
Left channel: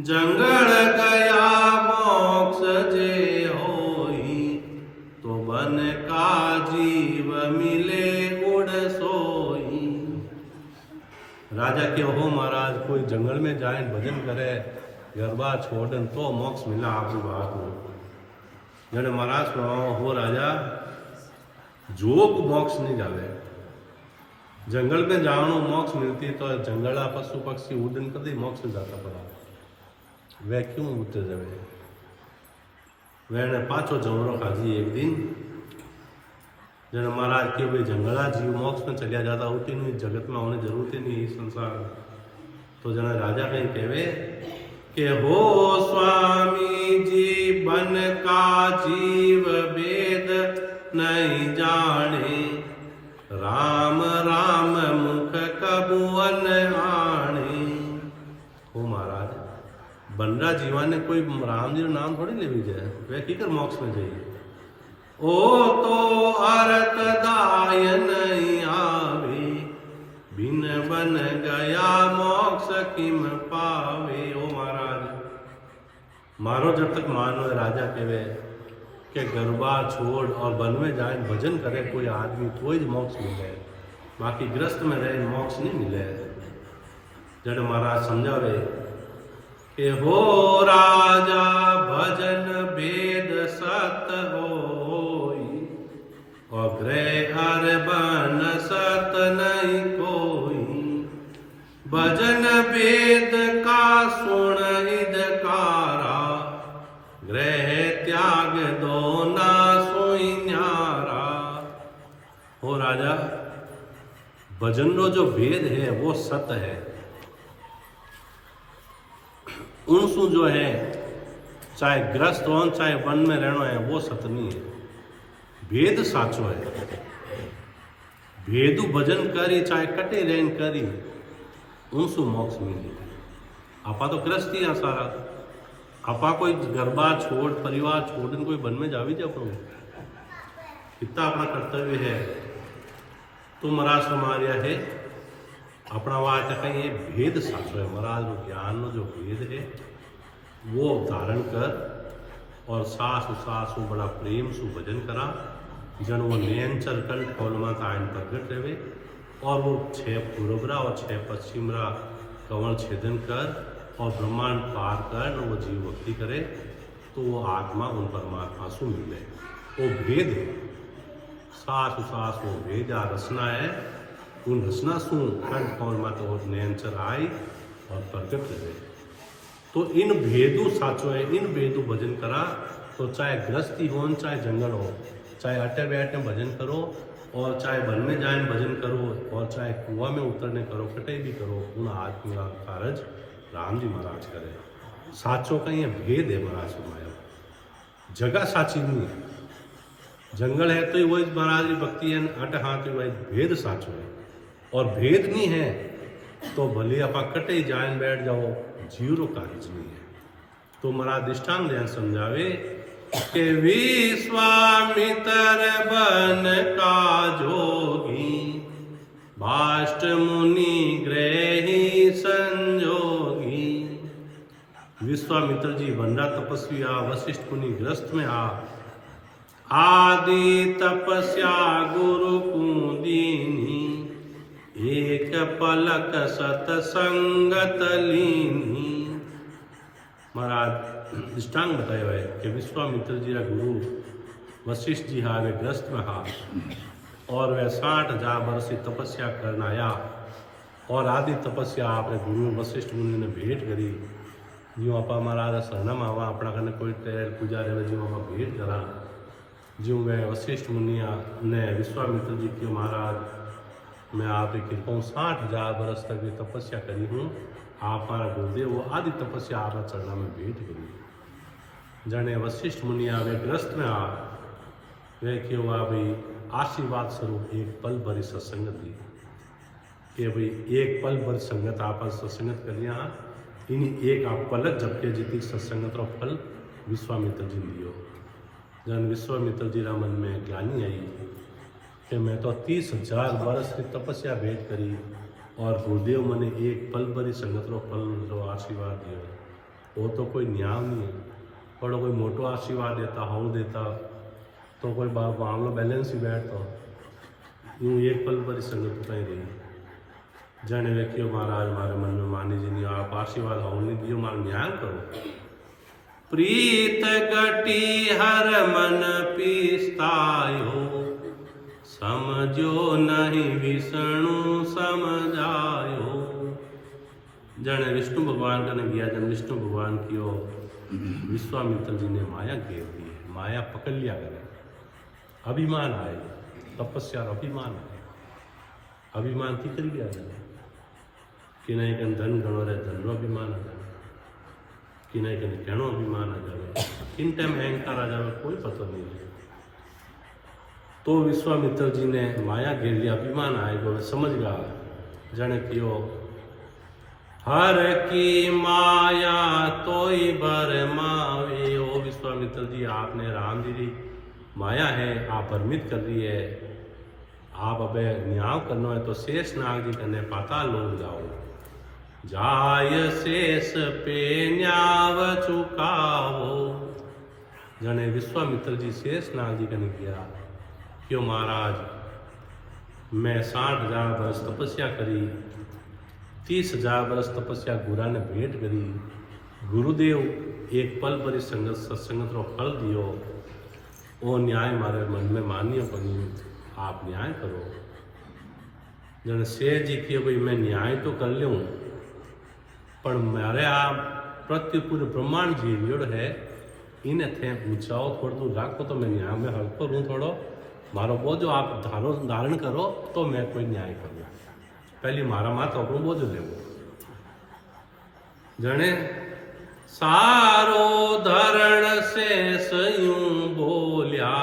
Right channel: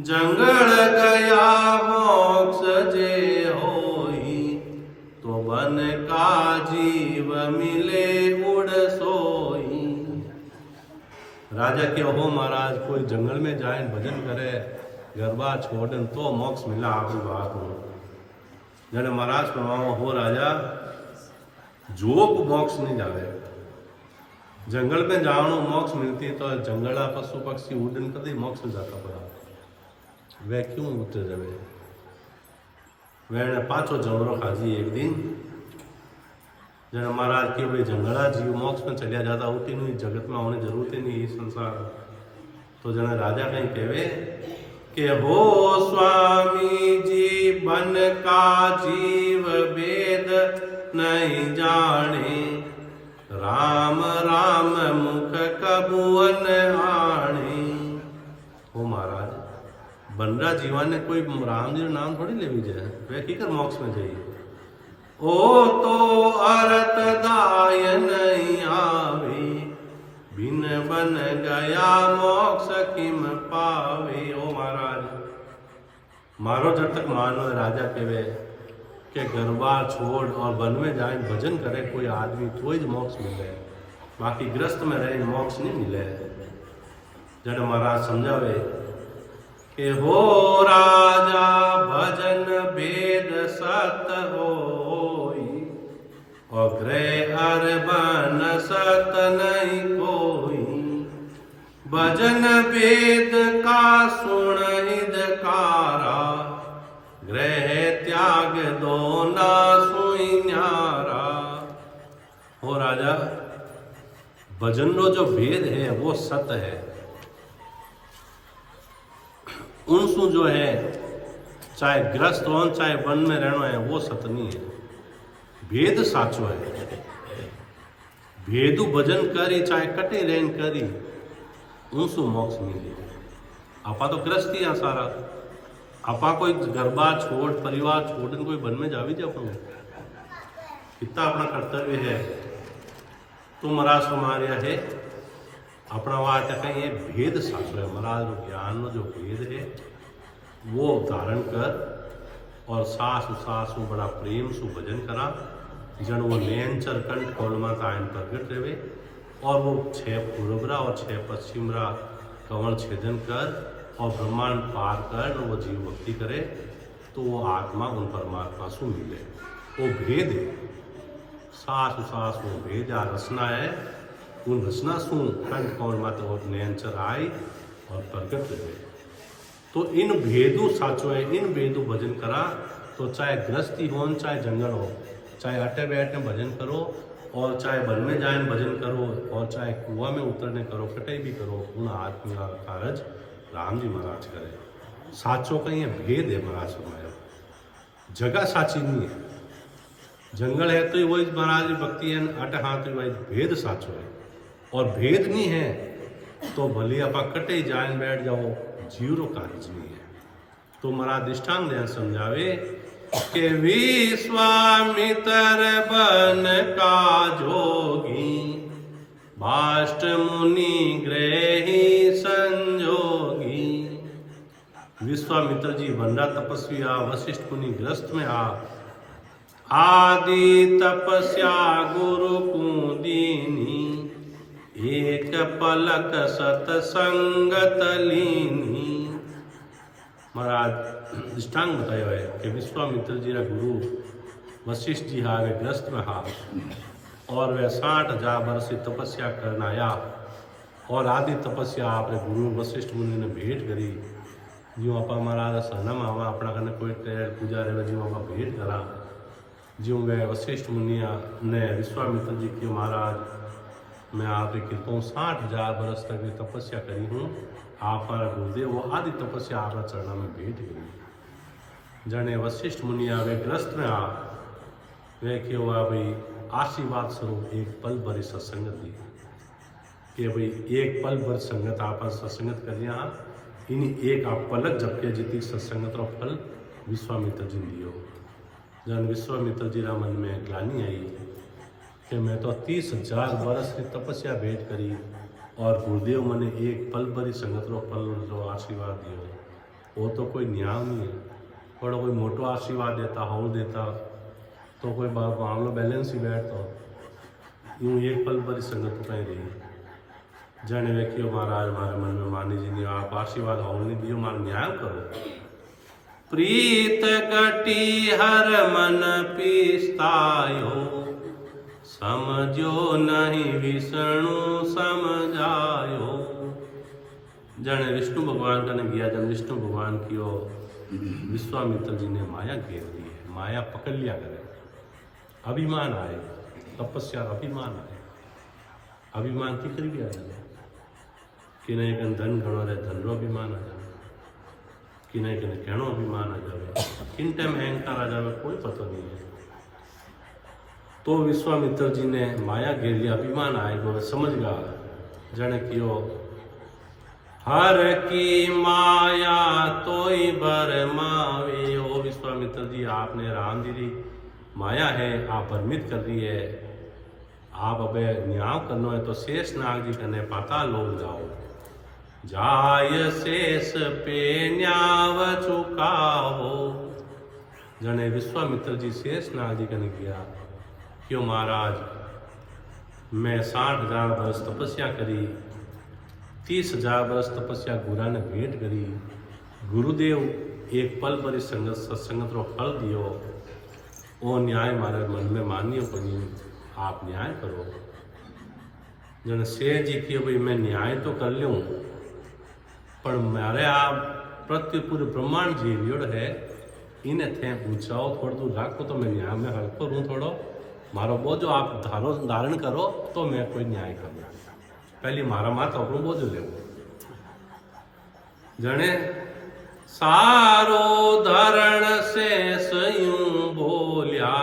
जंगल गया मोक्ष जे होई, तो बन का जीव मिले उड़ सोई। राजा के हो महाराज कोई जंगल में जाए भजन करे, गरबा छोड़न तो मोक्ष मिला, आप बात हो। जने महाराज सुनाओ हो राजा जोग मोक्ष नहीं जावे, जंगल में जानो मोक्ष मिलती तो जंगला पशु पक्षी उड़न कर दी मोक्ष जाता पड़ा, वह क्यों उतर जावे। वह पाछो जमरो खाजी एक दिन, जन महाराज के भाई जंगला जीव मोक्ष में चलिया जाता, उठी नहीं जगत में होने जरूरत ही नहीं संसार। तो जना राजा कहीं कहवे कि हो स्वामी जी बन का जीव वेद नहीं जाने, राम राम मुख कबुअन आने। हो महाराज बनरा जीवा ने कोई राम जी नाम थोड़ी ले भी जाए, वह की कर मोक्ष में जाइए। ओ तो अरत दाय नहीं आवे, बिन बन गया मोक्ष किम पावे। ओ महाराज मारो जब तक मानो राजा कहे कि गरबा छोड़ और वन में जाए भजन करे कोई आदमी तो ही मोक्ष मिले, बाकी ग्रस्त में रहे मोक्ष नहीं मिले। जब महाराज समझावे कि हो राजा भजन वेद सत होई, और ग्रह अर बन सत नहीं कोई। भजन वेद का सुन हिदकारा, ग्रह त्याग दो ना सोई न्यारा। हो राजा भजन रो जो भेद है वो सत है, उनसु जो है चाहे ग्रस्त हो चाहे वन में रहना है वो सत नहीं है, भेद साचो है। भेदु भजन करी चाहे कटे रहन करी उनसु मोक्ष मिले। आपा तो ग्रस्ती है सारा, आपा कोई गरबा छोड़ परिवार छोड़ कोई वन में जावी जा अपन कितना अपना कर्तव्य है। तो महाराज समारिया है अपना वाट कहीं भेद साचो है। महाराज रो ज्ञान रो जो भेद है वो धारण कर और सासु सासु बड़ा प्रेम सु भजन करा, जन वो नयनचर कंठ कौलमा आयन प्रगट रहे, और वो 6 पूर्वरा और 6 पश्चिमरा कंवल छेदन कर और ब्रह्मांड पार कर वो जीव भक्ति करे तो वो आत्मा उन परमात्मा सु मिले। वो भेद है, सासु सास वो भेद आ रचना है, उन रचना सु कंठ कौल माते और नयनचर आई और प्रगट रहे। तो इन भेदु साचो है, इन भेदु भजन करा तो चाहे ग्रस्ती हो चाहे जंगल हो, चाहे अटे बैठे भजन करो और चाहे वन में जाए भजन करो और चाहे कुआं में उतरने करो कटे भी करो, उन आदमी का कारज राम जी महाराज करे। साचो का ये भेद है महाराज फरमाया, जगह साची नहीं है। जंगल है तो ही वही महाराज की भक्ति है, अट हाथ वही भेद साचो है। और भेद नहीं है तो भले आप कटे जाए बैठ जाओ, जीवरो कारज नहीं है। तो महाराज दृष्टांत ध्यान समझावे कि विश्वामित्र बन का जोगी, भाष्ट मुनि ग्रही संजोगी। विश्वामित्र जी बनरा तपस्वी आ, वशिष्ठ मुनि ग्रस्त में आ, आदि तपस्या गुरु कुदीनी, एक पलक सतसंगत लीनी। महाराज दृष्टांग बताया है कि विश्वामित्र जी रा गुरु वशिष्ठ जी हा वे ग्रस्त में हा और वे 60,000 वर्ष की तपस्या करना आया और आदि तपस्या आपने गुरु वशिष्ठ मुनि ने भेंट करी। जो आप महाराज शरणम आवा अपना कने कोई तेल पूजा रहे जो आप भेंट करा, जो वे वशिष्ठ मुनिया ने विश्वामित्र जी के महाराज मैं आपकी कृपा 60,000 वर्ष तक की तपस्या करी हूँ, आप हमारा गुरुदेव वो आदि तपस्या आपका चरणा में भेंट करी। जने वशिष्ठ मुनिया वे ग्रस्त में आ वे क्यों आ भाई आशीर्वाद स्वरूप एक पल भरी सत्संगत दी कि भाई एक पल भर संगत आप सत्संगत कर लिया, इन एक आप पलक झपके जितनी सत्संगत और फल विश्वामित्र जी लियो। जन विश्वामित्र जी रा मन में ग्लानी आई कि मैं तो 30,000 वर्ष की तपस्या भेंट करी और गुरुदेव मने एक पल भरी संगत रो फल जो आशीर्वाद दियो, वो तो कोई न्याय नहीं है। और कोई मोटो आशीर्वाद देता हो देता तो कोई मामलो बैलेंस ही बैठता, यूँ एक पल भरी संगत तो कहीं रही। जाने वे क्यों महाराज हमारे मन में मानी जी नहीं आप आशीर्वाद हो नहीं दियो, मार न्याय करो। प्रीत गटी हर मन पीस्तायो, समझो नहीं विष्णु समझायो। जने विष्णु भगवान का ने गया, जन विष्णु भगवान की विश्वामित्र जी ने माया घेर दी है, माया पकड़ लिया करे। अभिमान आए, तपस्या अभिमान आए, अभिमान की कर गया जाए कि नहीं कन धन गणो रहे धन रो अभिमान आ जाए, कि नहीं कन कहणो अभिमान आ जाए, किन टाइम अहंकार आ जाए कोई पता नहीं है। तो विश्वामित्र जी ने माया घेर लिया, अभिमान आए वो समझ गया जने कियो हर की माया तोई बर मावे। ओ विश्वामित्र जी आपने राम जी की माया है आप भ्रमित कर रही है। आप अबे न्याय करना है तो शेष नाग जी कने पाताल लोक जाओ। जाय शेष पे न्याव चुकावो। जने विश्वामित्र जी शेष नाग जी कने गया, क्यों महाराज मैं 60,000 वर्ष तपस्या करी, 30,000 वर्ष तपस्या गुरा ने भेंट करी, गुरुदेव एक पल पर सत्संगत रो फल दियो, ओ न्याय मारे मन में मानियो बनी, आप न्याय करो। जन शेर जी की भाई मैं न्याय तो कर लूँ, पर मारे आप प्रत्यु पूरे ब्रह्मांड जी लियोड़ है, इन्हें थे ऊंचाओ थोड़ा दूर राखो तो मैं न्याय में हल्को रूँ थोड़ो, मारो बोझो आप धारण करो तो मैं कोई न्याय करूँ। पहली मारा माता अपनो बोझो लेवो। जने सारो धरण से यूं बोलिया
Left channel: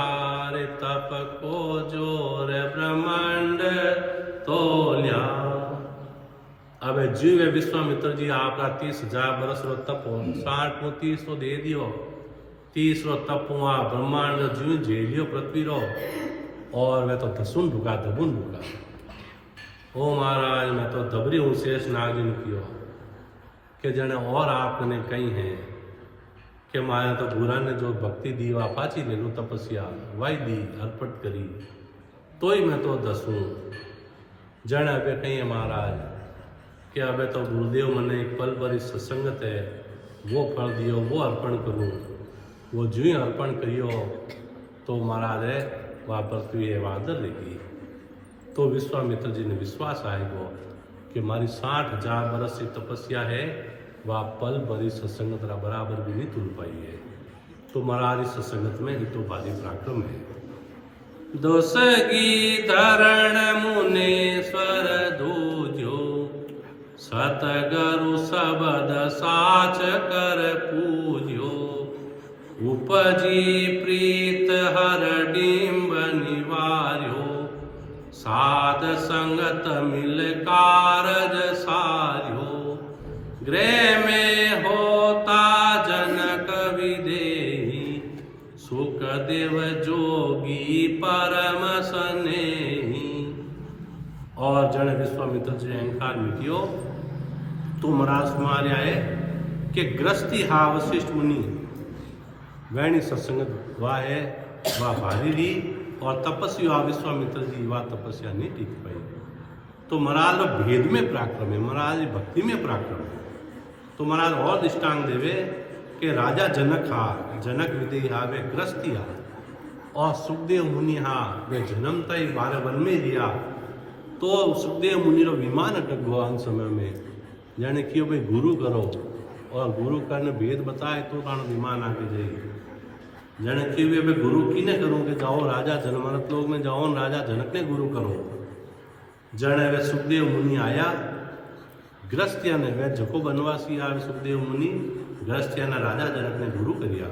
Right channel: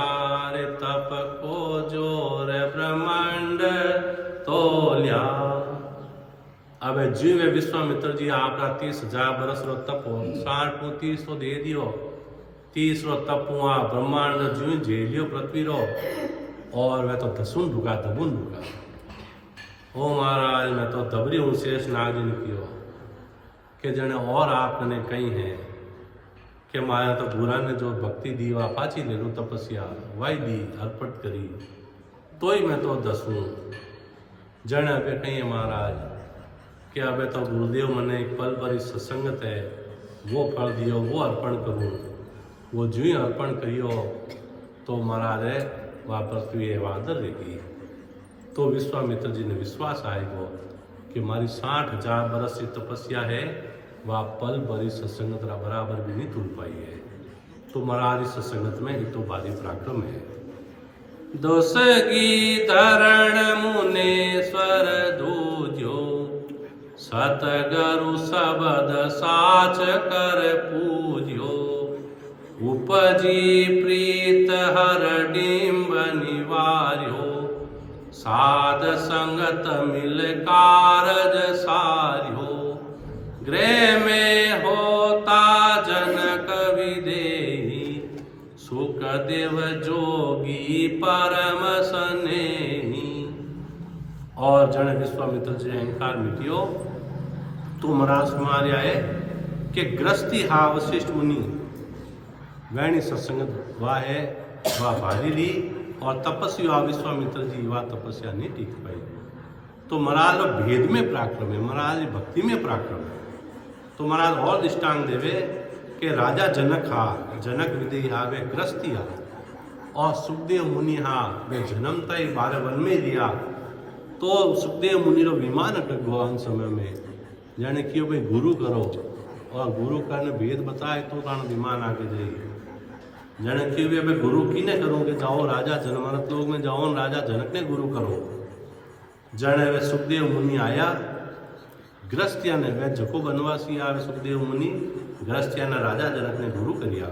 रे तप को जोर ब्रह्मांड तोलिया। अब जीवे विश्वामित्र जी आपका 30,000 बरस रो तप 60 को 30 तो दे दियो, 30 रो तप हुआ ब्रह्मांड जीव झेलियो पृथ्वी रो, और मैं तो दसुन ढुका दबुन ढुका। ओ महाराज मैं तो दबरी हूँ शेष नागिन कियो के जने और आपने कही हैं कि माया तो बुरा ने जो भक्ति दी वा पाची ले लूँ तपस्या वाई दी अर्पट करी तो ही मैं तो दसूँ। जन अबे कही है महाराज कि अबे तो गुरुदेव मने एक पल पर सत्संगत है, वो फल दियो वो अर्पण करूँ, वो जो ही अर्पण करियो तो महाराज है वह पृथ्वी है वादर रहेगी। तो विश्वामित्र जी ने विश्वास आएगो कि हमारी 60,000 बरस की तपस्या है, वह पल भरी सत्संगत बराबर भी नहीं तुल पाई है। तो महाराज इस सत्संगत में ही तो भारी पराक्रम है। दोसगी धरण मुनेश्वर दूजो, सतगुरु शबद साच कर पूजो, उपजी प्रीत हर डिम्ब निवार्यो, साध संगत मिल कारज सार्यो, गृह में होता जनक विदेही, सुख देव जोगी परम स्नेही। और जन विश्वामित्र जी अहंकार मिटियो तो महाराज मार्या है कि ग्रस्ती हा वशिष्ठ मुनि वैणी सत्संगत वाह है वह भारी ली, और तपस्या विश्वामित्र जी वह तपस्या नहीं टिक पाई। तो महाराज भेद में पराक्रम है, महाराज भक्ति में पराक्रम है। तो महाराज और दृष्टांत देवे कि राजा जनक हा, जनक विदेही हा वे ग्रस्ती हा, और सुखदेव मुनि हा वे जन्मता ही 12 वन में दिया। तो सुखदेव मुनि रो विमान अटक गो अन समय में, जाने कियो भाई गुरु करो, और गुरु करने भेद बताए तो तान विमान आगे जाइए। जन की वे गुरु की ने करूँ कि जाओ राजा जनमरत लोग में जाओ, राजा जनक ने गुरु करो। जन वे सुखदेव मुनि आया, ग्रस्तिया ने वे जको बनवासी आवे सुखदेव मुनि, ग्रस्तिया ने राजा जनक ने गुरु करिया।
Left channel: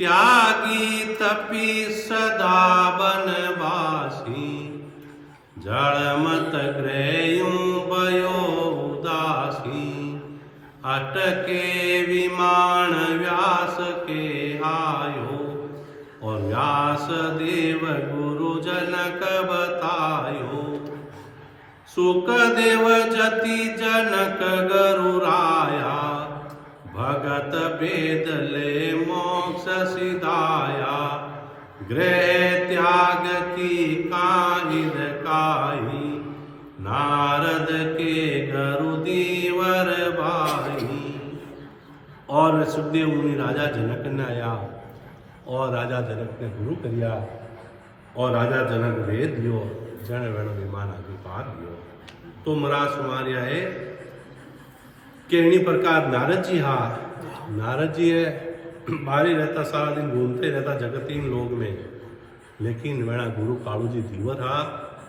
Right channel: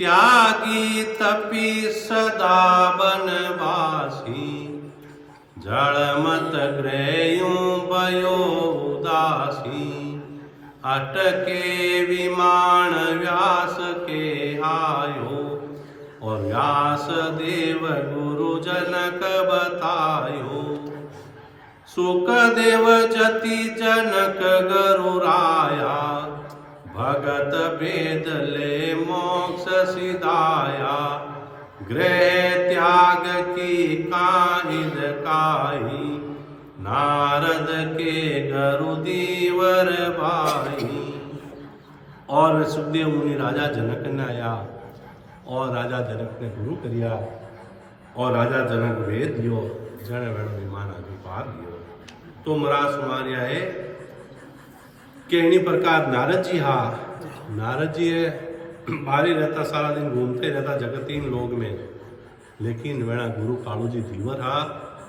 त्यागी तपी सदा बनवासी, जड़ मत ग्रहयूं भयो उदासी, अटके विमान व्यास के आयो, और व्यास देव गुरु जनक बतायो, सुख देव जति जनक गरुराया, भगत वेद ले मोक्ष सिधाया, गृह त्याग की काहिद काई, नारद के गरुदीवर भाई। और सुखदेव मुनि राजा जनक ने आया, और राजा जनक ने गुरु करिया, और राजा जनक वेद दियो, जन वेण विमान आदि पार दियो। तो महाराज सुमारिया है कि इन्हीं प्रकार नारद जी हा, नारद जी है बाहर ही रहता, सारा दिन घूमते रहता जगतीन लोग में, लेकिन वेणा गुरु कालू जी धीवर हा,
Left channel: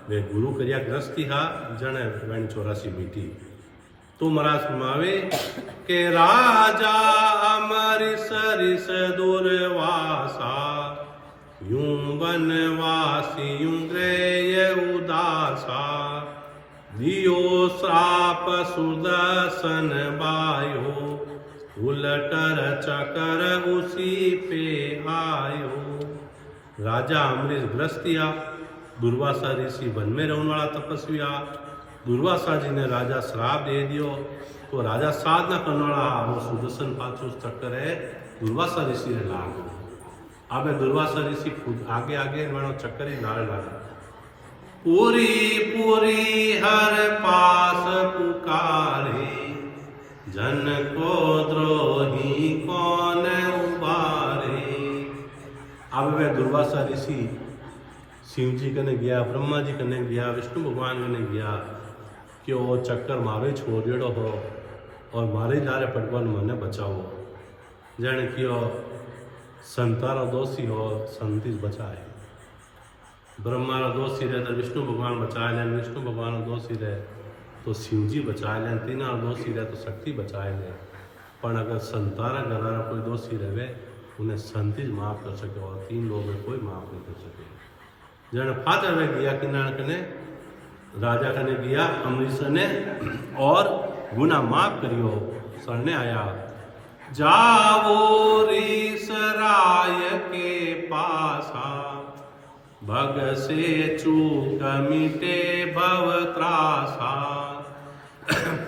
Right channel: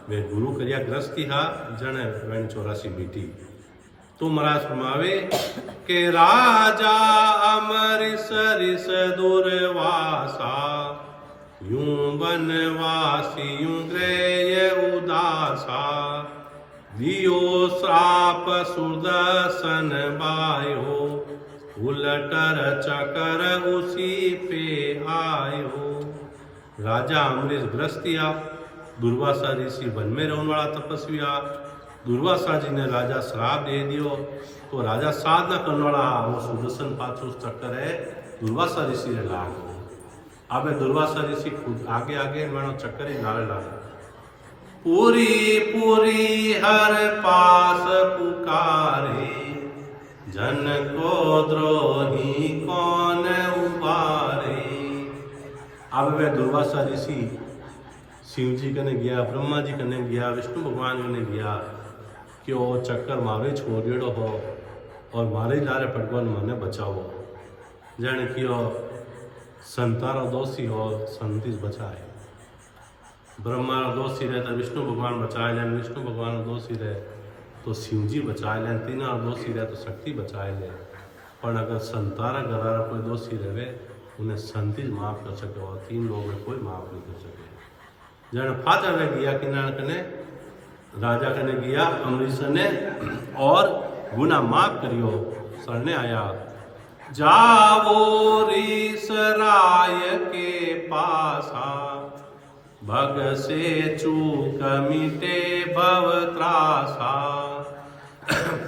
वे गुरु करिया ग्रस्ती हा, जन वेण 84 बीटी। तो महाराज फरमावे के राजा अमरिस रिस दुर्वासा, यूं बनवासी यूं ग्रेय उदासा, दियो श्राप सुदर्शन बायो, उलटर चकर उसी पे आयो, राजा अमरीश ग्रस्तिया, दुर्वासा ऋषि वन में रहने वाला तपस्विया। दुर्वासा जी ने राजा श्राप दे दियो तो राजा साधना करने वाला वो सुदर्शन पाछो चक्कर है दुर्वासा ऋषि ने लागो। अब दुर्वासा ऋषि खुद आगे आगे मानो चक्कर ही नारे लागे। पूरी पूरी हर पास पुकारे, जन को द्रोही कौन उबारे। अब वे दुर्वासा ऋषि शिव जी कने गया, ब्रह्मा जी कने गया, विष्णु भगवान कने गया कि वो चक्कर मारे छोड़ेड़ो हो और मारे लारे पटवन मने बचावो। जन कियो संतारो दोषी हो संतीस बचाए। ब्रह्मा रो दोषी रहे तो विष्णु भगवान बचाए लें, विष्णु भगवान रो दोषी रहे तो शिव जी बचाए लें, तीना दोषी रहे तो शक्ति बचाए ले। पर अगर संतारा घरारा कोई दोषी रहे उन्हें संतीस माफ कर सके और तीन लोग में कोई माफ नहीं कर सके। जन फादर वे गया किनार कने राजा कने गया अमरीश ने और गुना माफ करियो। सरने आया जावो रीस राय के पासा, भग से चूक मिटे भव त्रासा।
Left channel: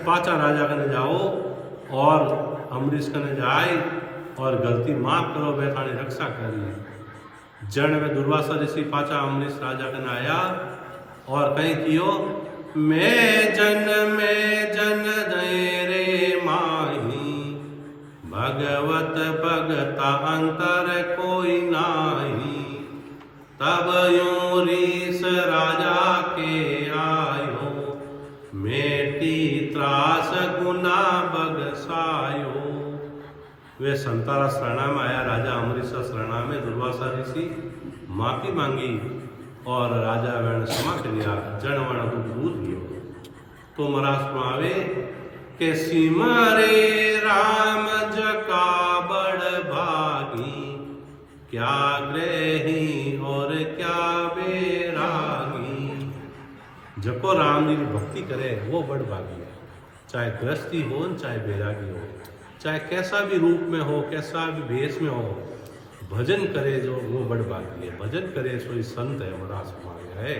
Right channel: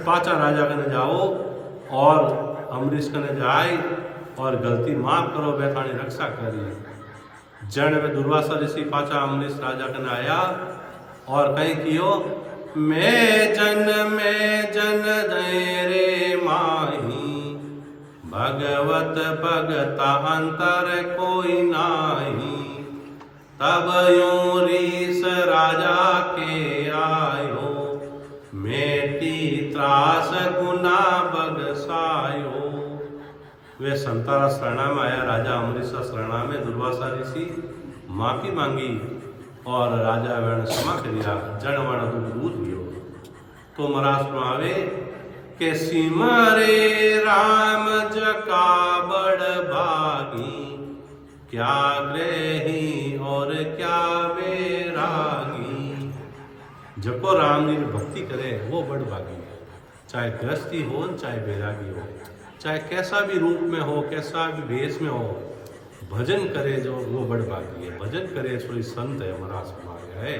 पाचा राजा कने जाओ और अमरीश कने जाए और गलती माफ करो, वैतानी रक्षा करी। जन वे दुर्वासा ऋषि पाचा अमरीश राजा कने आया और कहीं कियो मैं जन दय रे माही, भगवत भगता अंतर कोई नाही। तब यो रीस राजा के आयो, मेटी त्रास गुना बगसायो। वे संतारा शरणा में आया, राजा अमरीश शरणा में दुर्वासा ऋषि माफी मांगी और राजा वर्ण क्षमा करिया। जन वर्ण दुख दूध दियो तो महाराज में आवे के सिमरे राम जका बड़ भागी, क्या ग्रही और क्या बेरागी। जको राम जी की भक्ति करे वो बड़ भागी है, चाहे गृहस्थी हो चाहे बैरागी हो, चाहे कैसा भी रूप में हो, कैसा भी भेष में हो, भजन करे जो वो बड़ भागी है। भजन करे सो संत है। महाराज हमारे है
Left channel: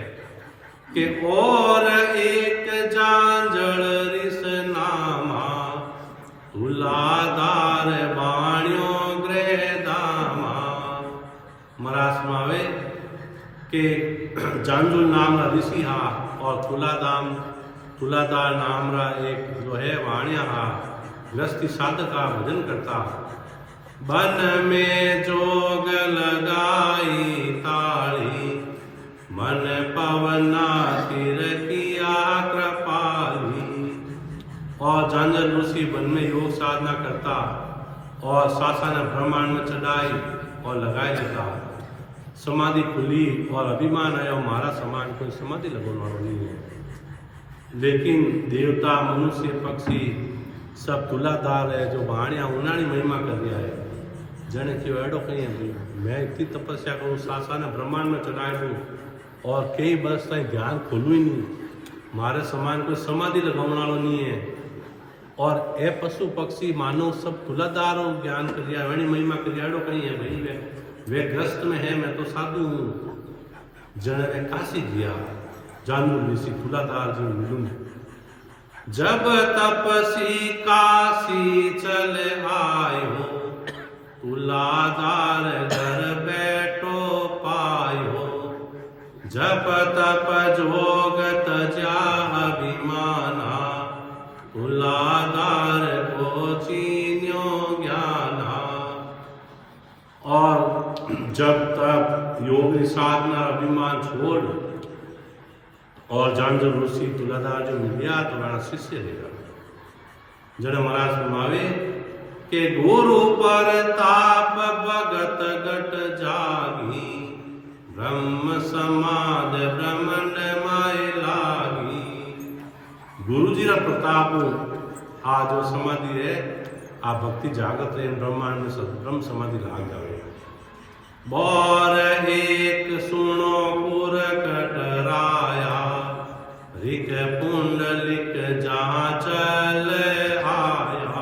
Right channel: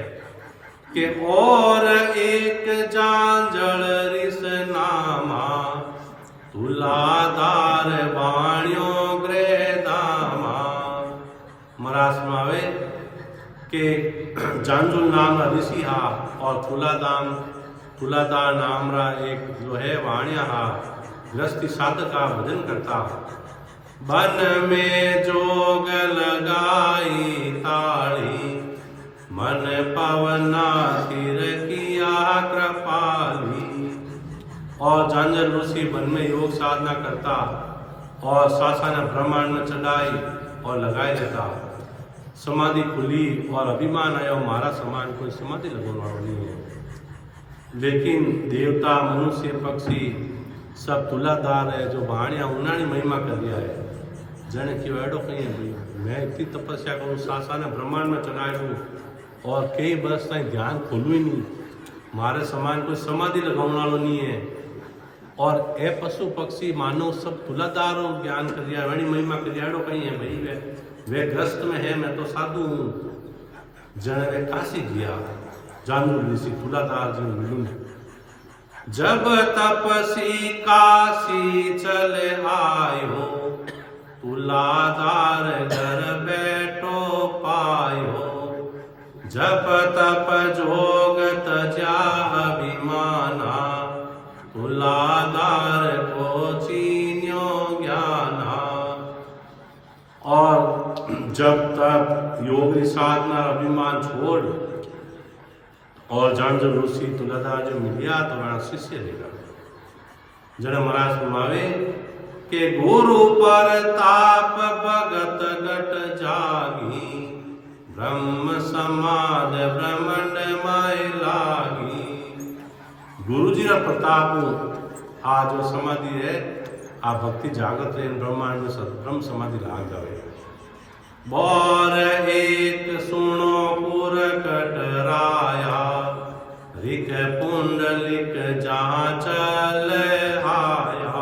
कि और एक जांजल रिस नामा, तुलादार वाणियों गृह दामा। महाराज मावे के जांजुल नाम ऋषि हा और तुलादार नाम रा एक जो है वाणिया हा, गृहस्थी साधक का भजन करता। बन में जोग लगाई ताड़ी, मन पवना सिर किया कृपाली। और जांजल ऋषि वन में योग साधना करता और सासाना ब्रह्मांड में चढ़ाई और लगाई देता। समाधि खुली और अभिमान आया मारा समान कोई समाधि लगने वाला नहीं है। लेकिन देवता मनुष्य पक्षी सब तुलादार है जो भाणिया उन्हानी महिमा कर दिया है। जने क्यों एडो कहीं है भाई मैं इतनी तपस्या करूँ, सासा ने ब्रह्मांड में चढ़ाई दूँ और कई बरस ताई ध्यान खोलू ही नहीं, मारे समान कोई समाधि लगाने वालों नहीं है। और ए पशु पक्षी मानव सब तुलादार ज्ञान कर दिया, वही महिमा कर दिया। एडो कहीं है भाई वे ग्रस्त में है, मैं तो साधु हूँ। जने वे काशी गया, जानू ऋषि तुलादार जी मिलूं। जब तपसी काशी चले आयो, तुलादार घर बैठो पायो। जप तप जोग तजा अभिमाना, तुलादार को चीन्यो ज्ञाना। और जब तक योग साधना अभिमान छोड़ और जांजल ऋषि तुलादार जो मिल गया तो वहां शिष्य लेगा। जन महाराज फरमावे के गुरु पर ताप भगत गट जागी, ब्रह्म समाद ब्रह्मंड माय लागी। गुरु जी का प्रताप आ जो समाधि है आ भक्ति जागृत है ब्रह्मांड में ब्रह्म समाधि लाग जावे। बोर एक सुनो पुर कटराया, रिक पुंडलिक जहाँ चल आया।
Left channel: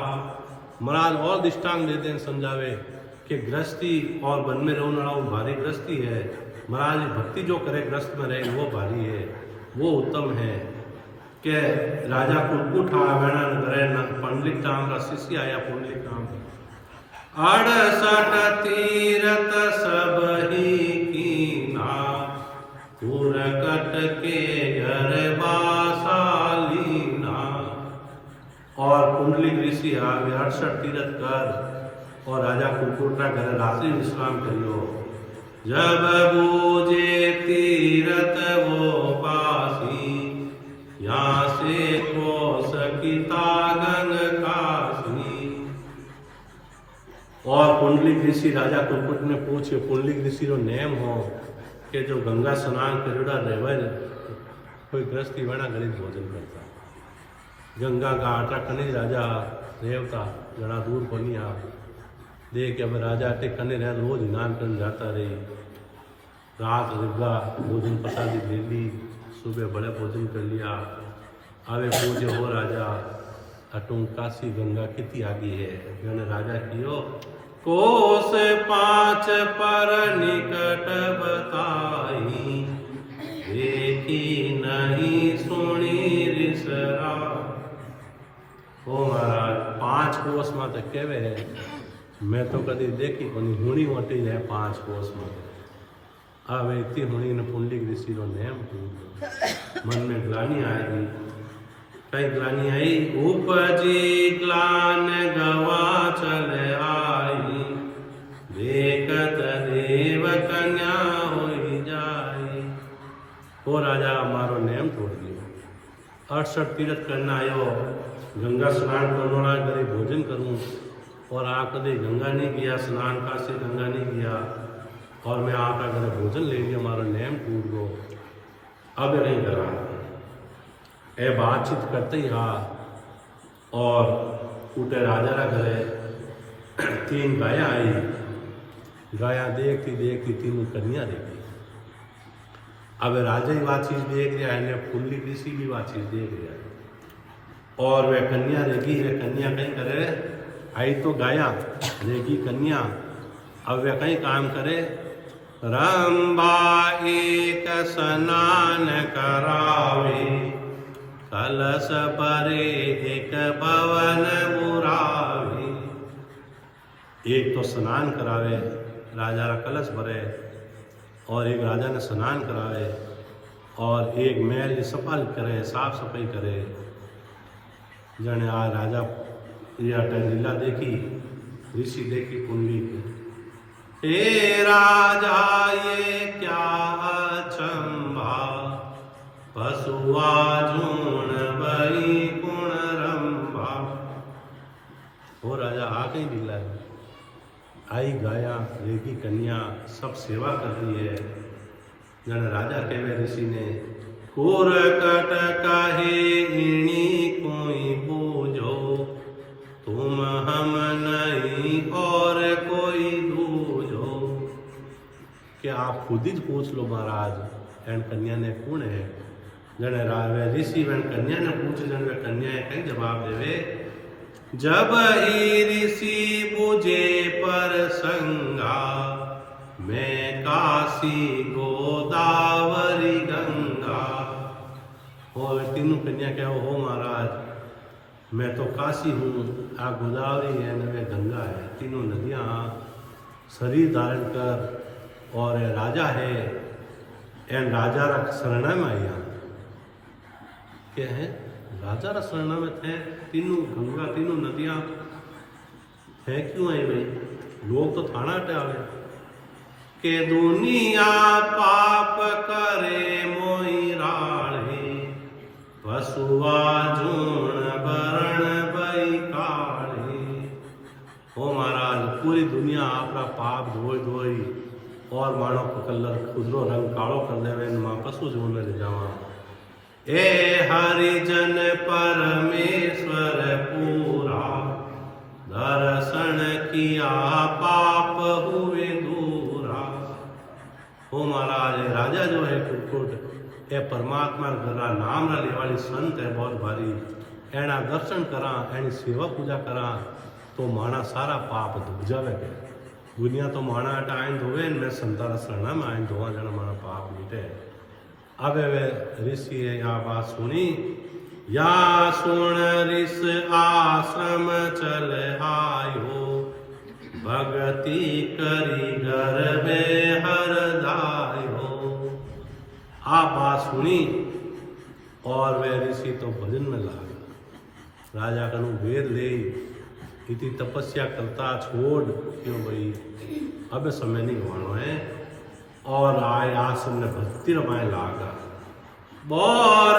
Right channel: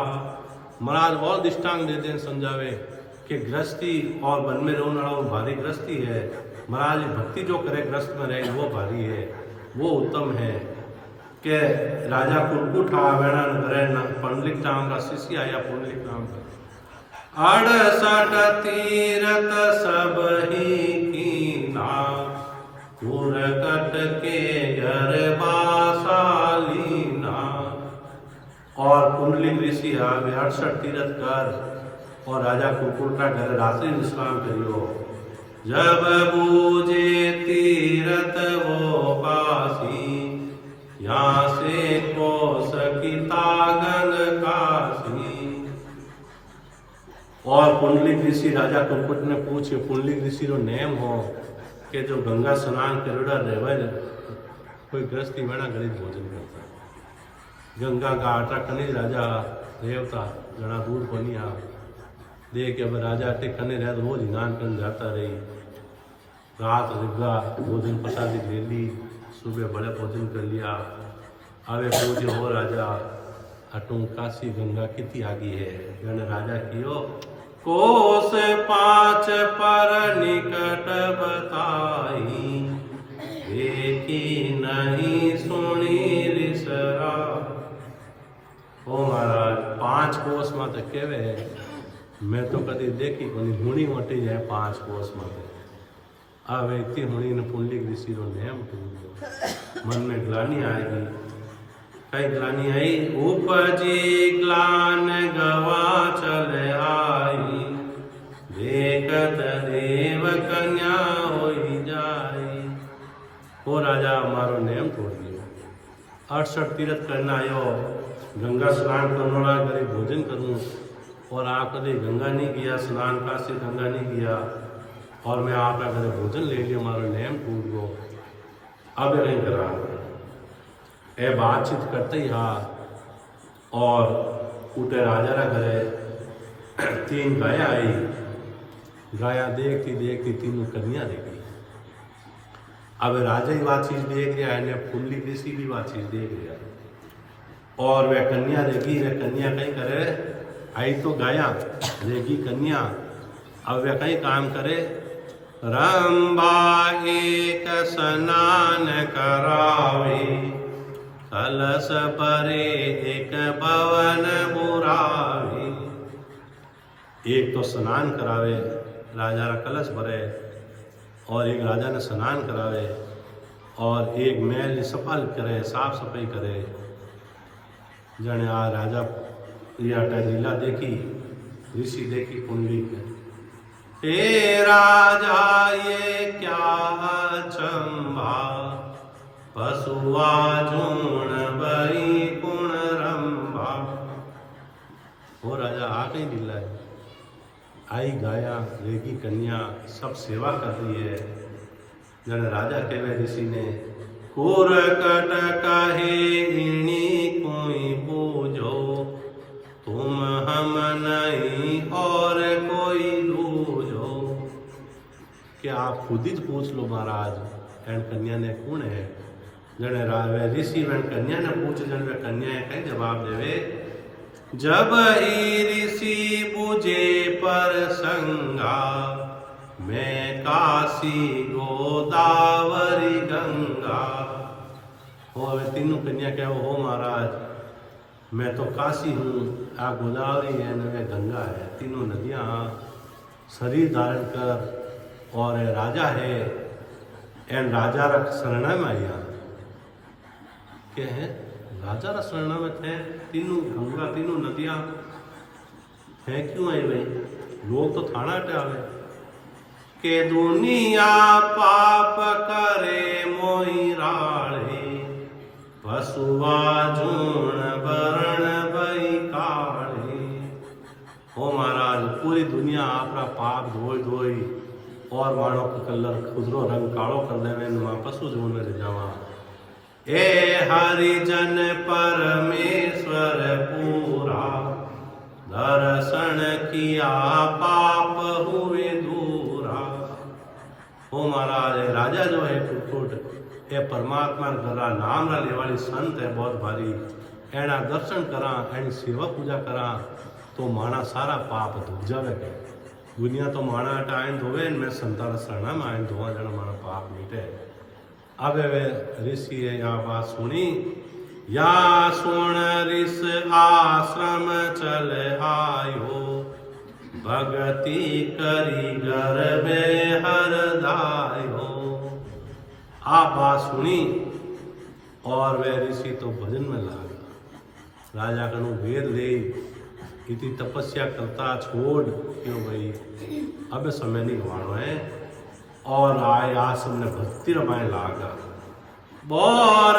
महाराज और दृष्टांत देते हैं समझावे कि गृहस्थी और वन में रहने वाला वो भारी गृहस्थी है, महाराज भक्ति जो करे गृहस्थ में रहे वो भारी है, वो उत्तम है। कि राजा कुरकुट आवेणा नगरे पंडलिक नाम का शिष्य आया पुंडलिक नाम का 68 तीरथ सब ही कीना कुरकट के घर बासालीना। और पुंडलिक ऋषि आवे 68 तीरथ कर और राजा कुरकुटा घर रात्रि विश्राम करियो। जब बूझे तीरथ वो पासी यहाँ से कोस की तागन कासी। और पुंडलिक ऋषि राजा कुरकुट ने पूछे पुंडलिक ऋषि रो नेम हो कि जो गंगा स्नान करेड़ा रहे कोई गृहस्थी वेणा गरीब भोजन करता गंगा का आटा कने राजा रेवता घना दूर बनिया देख अब राजा के कने रह रोज स्नान कर जाता रही। रात रिगा भोजन प्रसादी ले ली, सुबह बड़े भोजन कर लिया। आवे पूजे हो राजा अटूं काशी गंगा कितनी आगी है। जन राजा कियो कोस 5 पर निकट बताई देखी नहीं सुनी रिसरा। ओ महाराज 5 कोस में तो केवे है, मैं तो कभी देखी कोनी हुणी मोटी जाए 5 कोस में। आवे इतनी हुणी ने पुंडलिक ऋषि रो नेम मन में ग्लानी आएगी। कई ग्लानी आई उपजी ग्लान गवा चल आई देखत देव कन्या होई जाई। ओ राजा मारो नेम तोड़ दियो 68 तीर्थ करना आयो, गंगा स्नान करना करे भोजन करूं और आप कभी गंगा नहीं किया स्नान काशी गंगा नहीं किया और मैं आपका घरे भोजन ले लिया मारो नेम टूट गो। अब नहीं करा ए बातचीत करते ही हा और उठे राजा रा घरे 3 गाया आई। गाया देखती देखती तीनों कन्या देखी। अब राजा ही बात चीज देख रहा है, पुंडलिक ऋषि भी बात चीज देख रहा है और वह कन्या रेगी। वह कन्या कहीं करे आई तो गाया रेगी कन्या। अब वह कहीं काम करे रंबा एक स्नान करावे कलश परे एक भवन बुरावे। एक तो स्नान करावे राजा रा कलश भरे और एक राजा ने स्नान करावे और एक महल सफाई करे साफ सफाई करे। जने आ राजा या लीला देखी ऋषि देखी पुंडलिक हे राजा ये क्या अचंभा पशुआ झूण बई कुण रंभा। हो राजा आ कहीं लीला है आई गाया रेगी कन्या सब सेवा कर रही है। जन राजा कहवे ऋषि ने कुरकट कहे इणी कोई बूझो तुम हम नहीं और कोई दूझो। कि आप खुद ही पूछ लो महाराज एन कन्या ने कौन है। जन ऋषि वन कन्या ने पूछ जन वे कन्या है कहीं जवाब देवे जब ही ऋषि बुझे पर संगा मैं काशी गोदावरी गंगा। हो तीनों कन्या क्या हो महाराज मैं तो काशी हूँ आ गोदावरी है न वे गंगा है। तीनों नदियाँ शरीर धारण कर और राजा है एन राजा रख शरणा में आया क्या है राजा रा शरणा में थे। तीनों गंगा तीनों नदियाँ है क्यों आई भाई लोग तो थाना हटावे के दुनिया पाप करे मोई राड़े पशुआ झूण बरण बई काढ़े। हो महाराज पूरी दुनिया आपरा पाप धोई धोई और मानो को कलर खुदरो रंग कालो कर देवे मां पशु झूण में ले जावा। ए हरिजन परमेश्वर पूरा दर्शन किया पाप हुए दूरा। हो महाराज राजा जो है कुटकुट ए परमात्मा गरा नाम ना लेवाली संत है बहुत भारी एना दर्शन करा एनी सेवा पूजा करा तो माना सारा पाप धुक जावे। दुनिया तो माना अट आइन धोवे मैं संतान शरणा में आइन धोवा जन माना पाप मिटे। अब वे ऋषि यहाँ बात सुनी, या सुन ऋष आश्रम चल आयो, भगति करी घर में हर दायो। आप बात सुनी और वे ऋषि तो भजन में लागा। राजा कनु वेद ले इतनी तपस्या करता छोड़ क्यों भाई अब समय नहीं गंवानो है। और आए आश्रम ने भक्ति रमाए लागा। बोर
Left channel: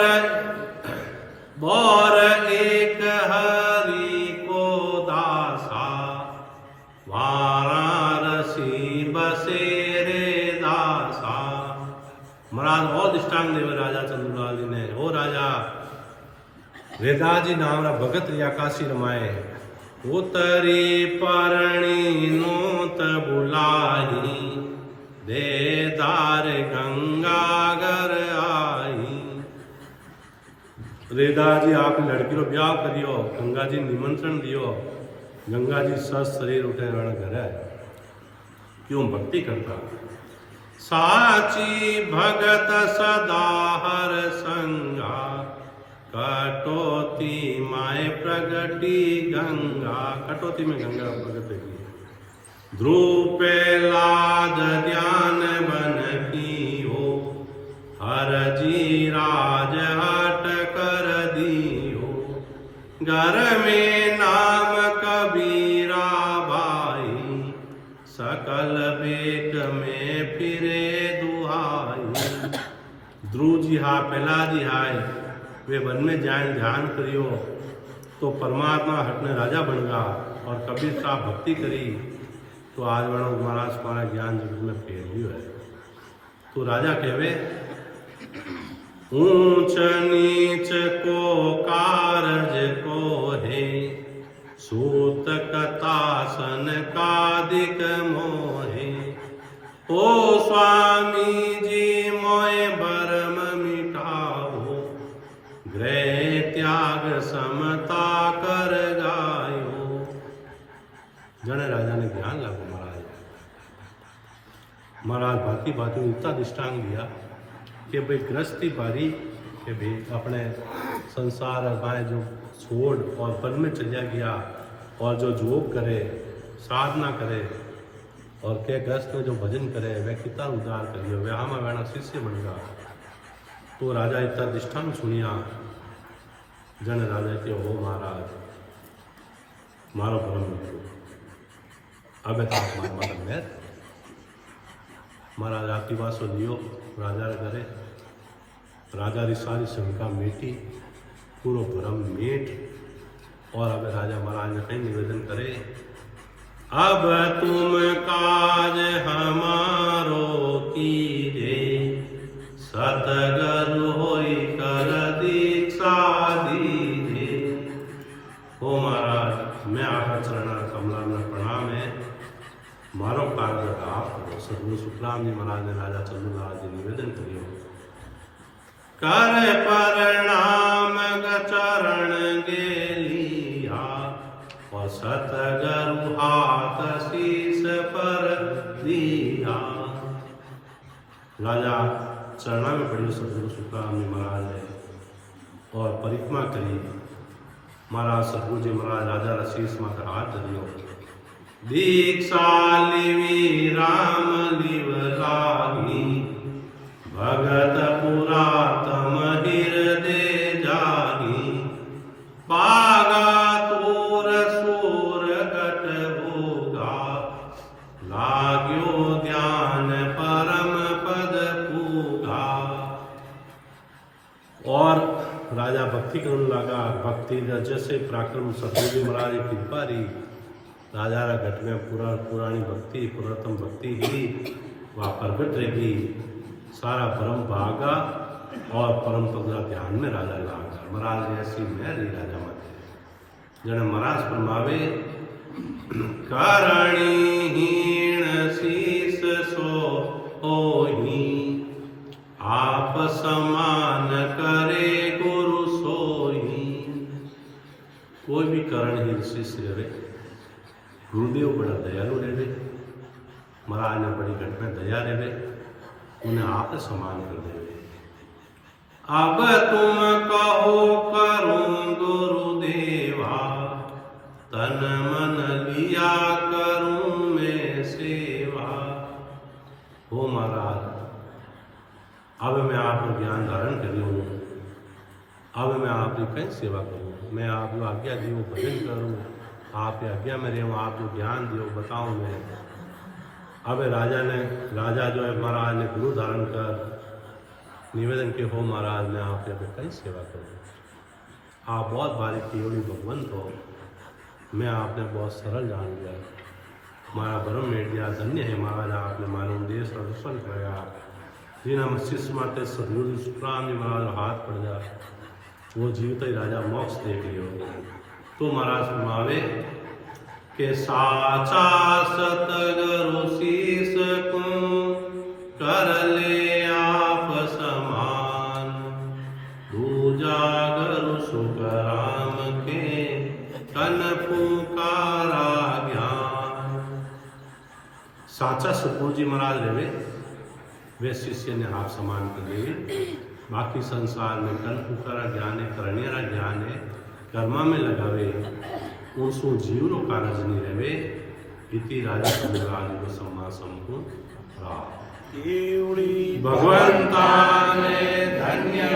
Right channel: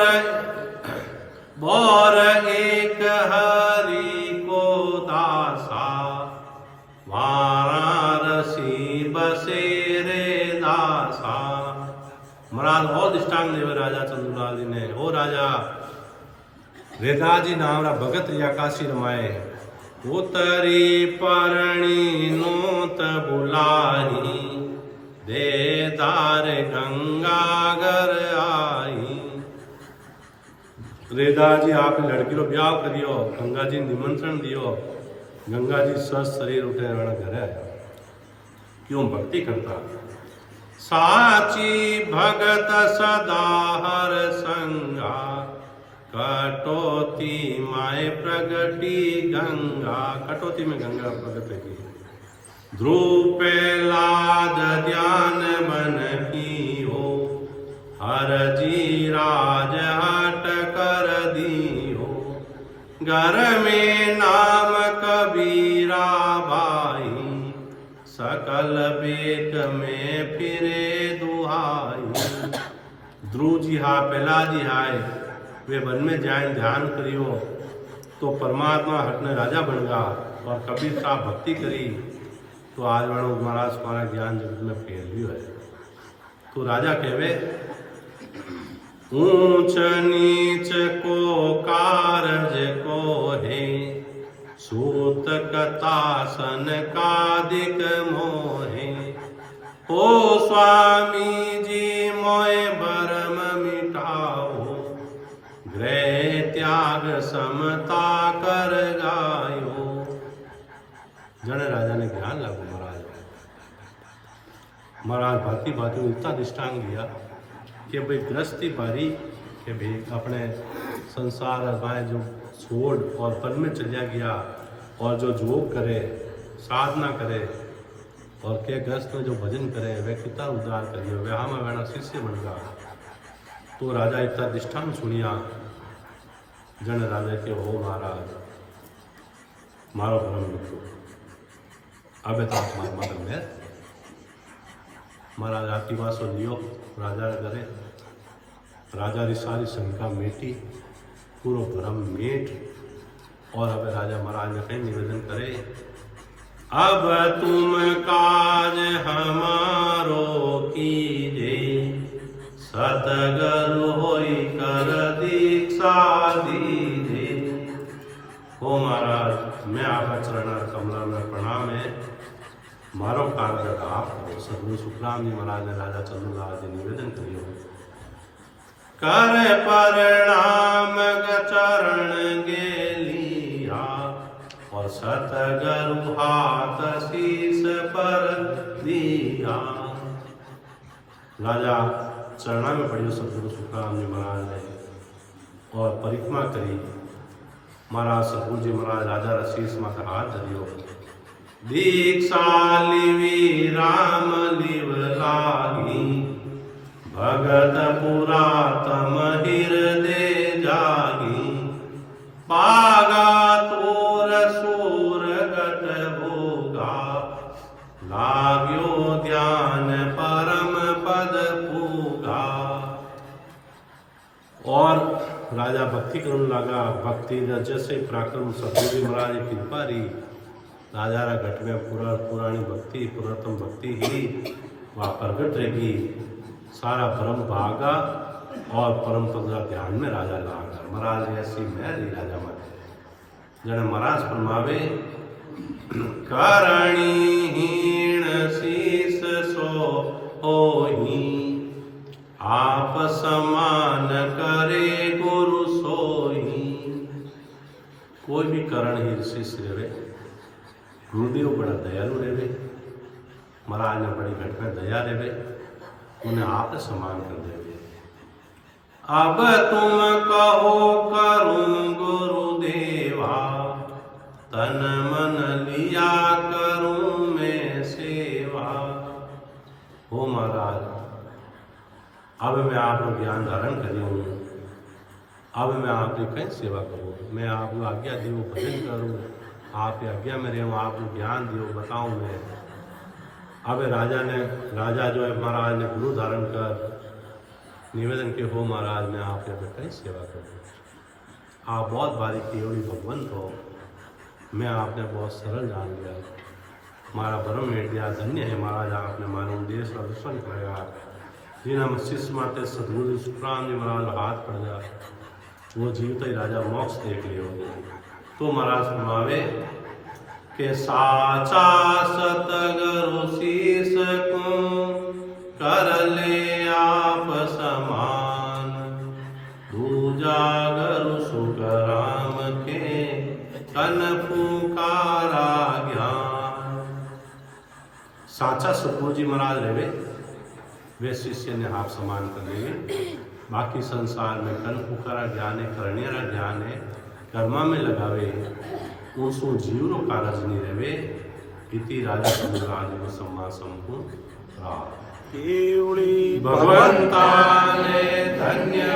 बोर एक हरि को दासा, वाराणसी बसे रे दासा। महाराज बहुत दृष्टांत देवे राजा चंद्रलाल जी ने। ओ राजा रेदाजी नाम रा भगत रिया काशी रमाए, उतरी परणी नोत बुलाई, दे दार गंगागर आई। रेदाजी आप लड़की रो ब्याह करियो, गंगा जी निमंत्रण दियो, गंगा जी स्वस्थ शरीर उठे घर आया। क्यों भक्ति करता। साची भगत सदा हर संगा, कटौती माए प्रगटी गंगा। कटौती में गंगा प्रगट की। ध्रुव पे लाद ध्यान बन की हो, हर जी राज हट कर दी हो। घर में नाम कबीरा भाई, सकल बेक में फिरे दुहाई। ध्रुव जी हा पहला जी हाय वे वन में जाए ध्यान करियो तो परमात्मा हटने राजा बन गा। और कबीर साहब भक्ति करी तो आज वणो महाराज हमारा ज्ञान जगत में फैल लियो है। तो राजा कहवे, ऊंच नीच को कारज को है, सूत कतासन कादिक मोहे। ओ स्वामी जी मोय भरम मिटाओ, गृह त्याग समता कर गायो। जने राजा ने ज्ञान लागू महाराज भांति भांति इतना दृष्टांत दिया कि भाई गृहस्थी पारी कि भाई अपने संसार में जो छोड़ और वन में चलिया गया और जो जोग करे साधना करे और के गृहस्थ में जो भजन करे वह कितना उद्धार करियो, वह हम वेणा शिष्य बन गया। तो राजा इतना दृष्टांत सुनिया। जन राजा के हो महाराज मारो परम मित्रो, अब तो आप मार मदद मेर। महाराज आपकी बात सुन लियो। राजा ने करे, राजा की सारी शंका मेटी, पूरा भरम मेट। और अब राजा महाराज ने कहीं निवेदन करे, अब तुम काज हमारो कीजे, सतगुरु होई कर दीक्षा दीजे। हो महाराज मैं आपका चरण कमला में प्रणाम है, मारो कार्य आप करो। सदगुरु सुखराम जी महाराज ने राजा चंद्रलाल जी निवेदन करियो, कर प्रणाम चरण गेलिया, और सतगुरु हाथ शीस पर दिया। राजा चरणा में पड़ियो सदगुरु सुखराम जी महाराज ने और परिक्रमा करी। महाराज सदगुरु जी महाराज राजा रशीस माता हाथ धरियो, दीक्षा लिवी राम लिव लागी, भगत पुरातम हृदय जागी। पागा तोर सूर गत होगा, लाग्यो ध्यान परम पद पूगा। और राजा भक्ति करने लगा। भक्ति जैसे पराक्रम सतगुरु जी महाराज की कृपा रही, राजा रा घट में पुरानी भक्ति पुरातन भक्ति ही वह प्रगट रहेगी। सारा परम भागा और परम पद ध्यान में राजा लागा। महाराज ऐसी मैं रही राजा माते जने महाराज फरमावे, कारणीहीन शीस सो होही, आप समान करे गुरु सोई। कोई भी कारण ही शिष्य रहे, गुरुदेव बड़ा दयालु रहे, महाराज ने बड़ी घटना दया देवे, उन्हें आप सम्मान कर देवे। अब तुम कहो करूं गुरुदेवा, तन मन लिया करूं मैं सेवा। हो महाराज, अब मैं आपको ज्ञान धारण करूं, अब मैं आपकी कहीं सेवा करूं, मैं आपको आज्ञा दियो भजन करूं, आप आज्ञा में रहूं, आप जो ज्ञान दियो बताऊं मैं। अब राजा जो है महाराज ने गुरु धारण कर निवेदन के, हो महाराज मैं आपके अब कहीं सेवा करूं, आप बहुत भारी केवड़ी भगवंत हो, मैं आपने बहुत सरल जान लिया, हमारा भरम मेट दिया, धन्य है महाराज आपने मानो देश का दर्शन कर गया। जिन्हें शिष्य माते सदगुरु सुखराम जी महाराज हाथ पड़ जा, वो जीवते ही राजा मोक्ष देख लियो। तो महाराज फरमावे के साचा सतगुरु शीस को कर ले आप समान, दूजा गुरु सुखराम के कन पुकारा ज्ञान। साचा सतगुरु जी महाराज रहे वे शिष्य ने आप समान कर देवे, बाकी संसार में कन पुकारा ज्ञान है, करनियारा ज्ञान है, कर्मा में लगावे, उनसो जीवनो कारज नहीं रहे। इति राजा समुद्राज को सम्मान संपूर्ण रहा। भगवंता ने धन्य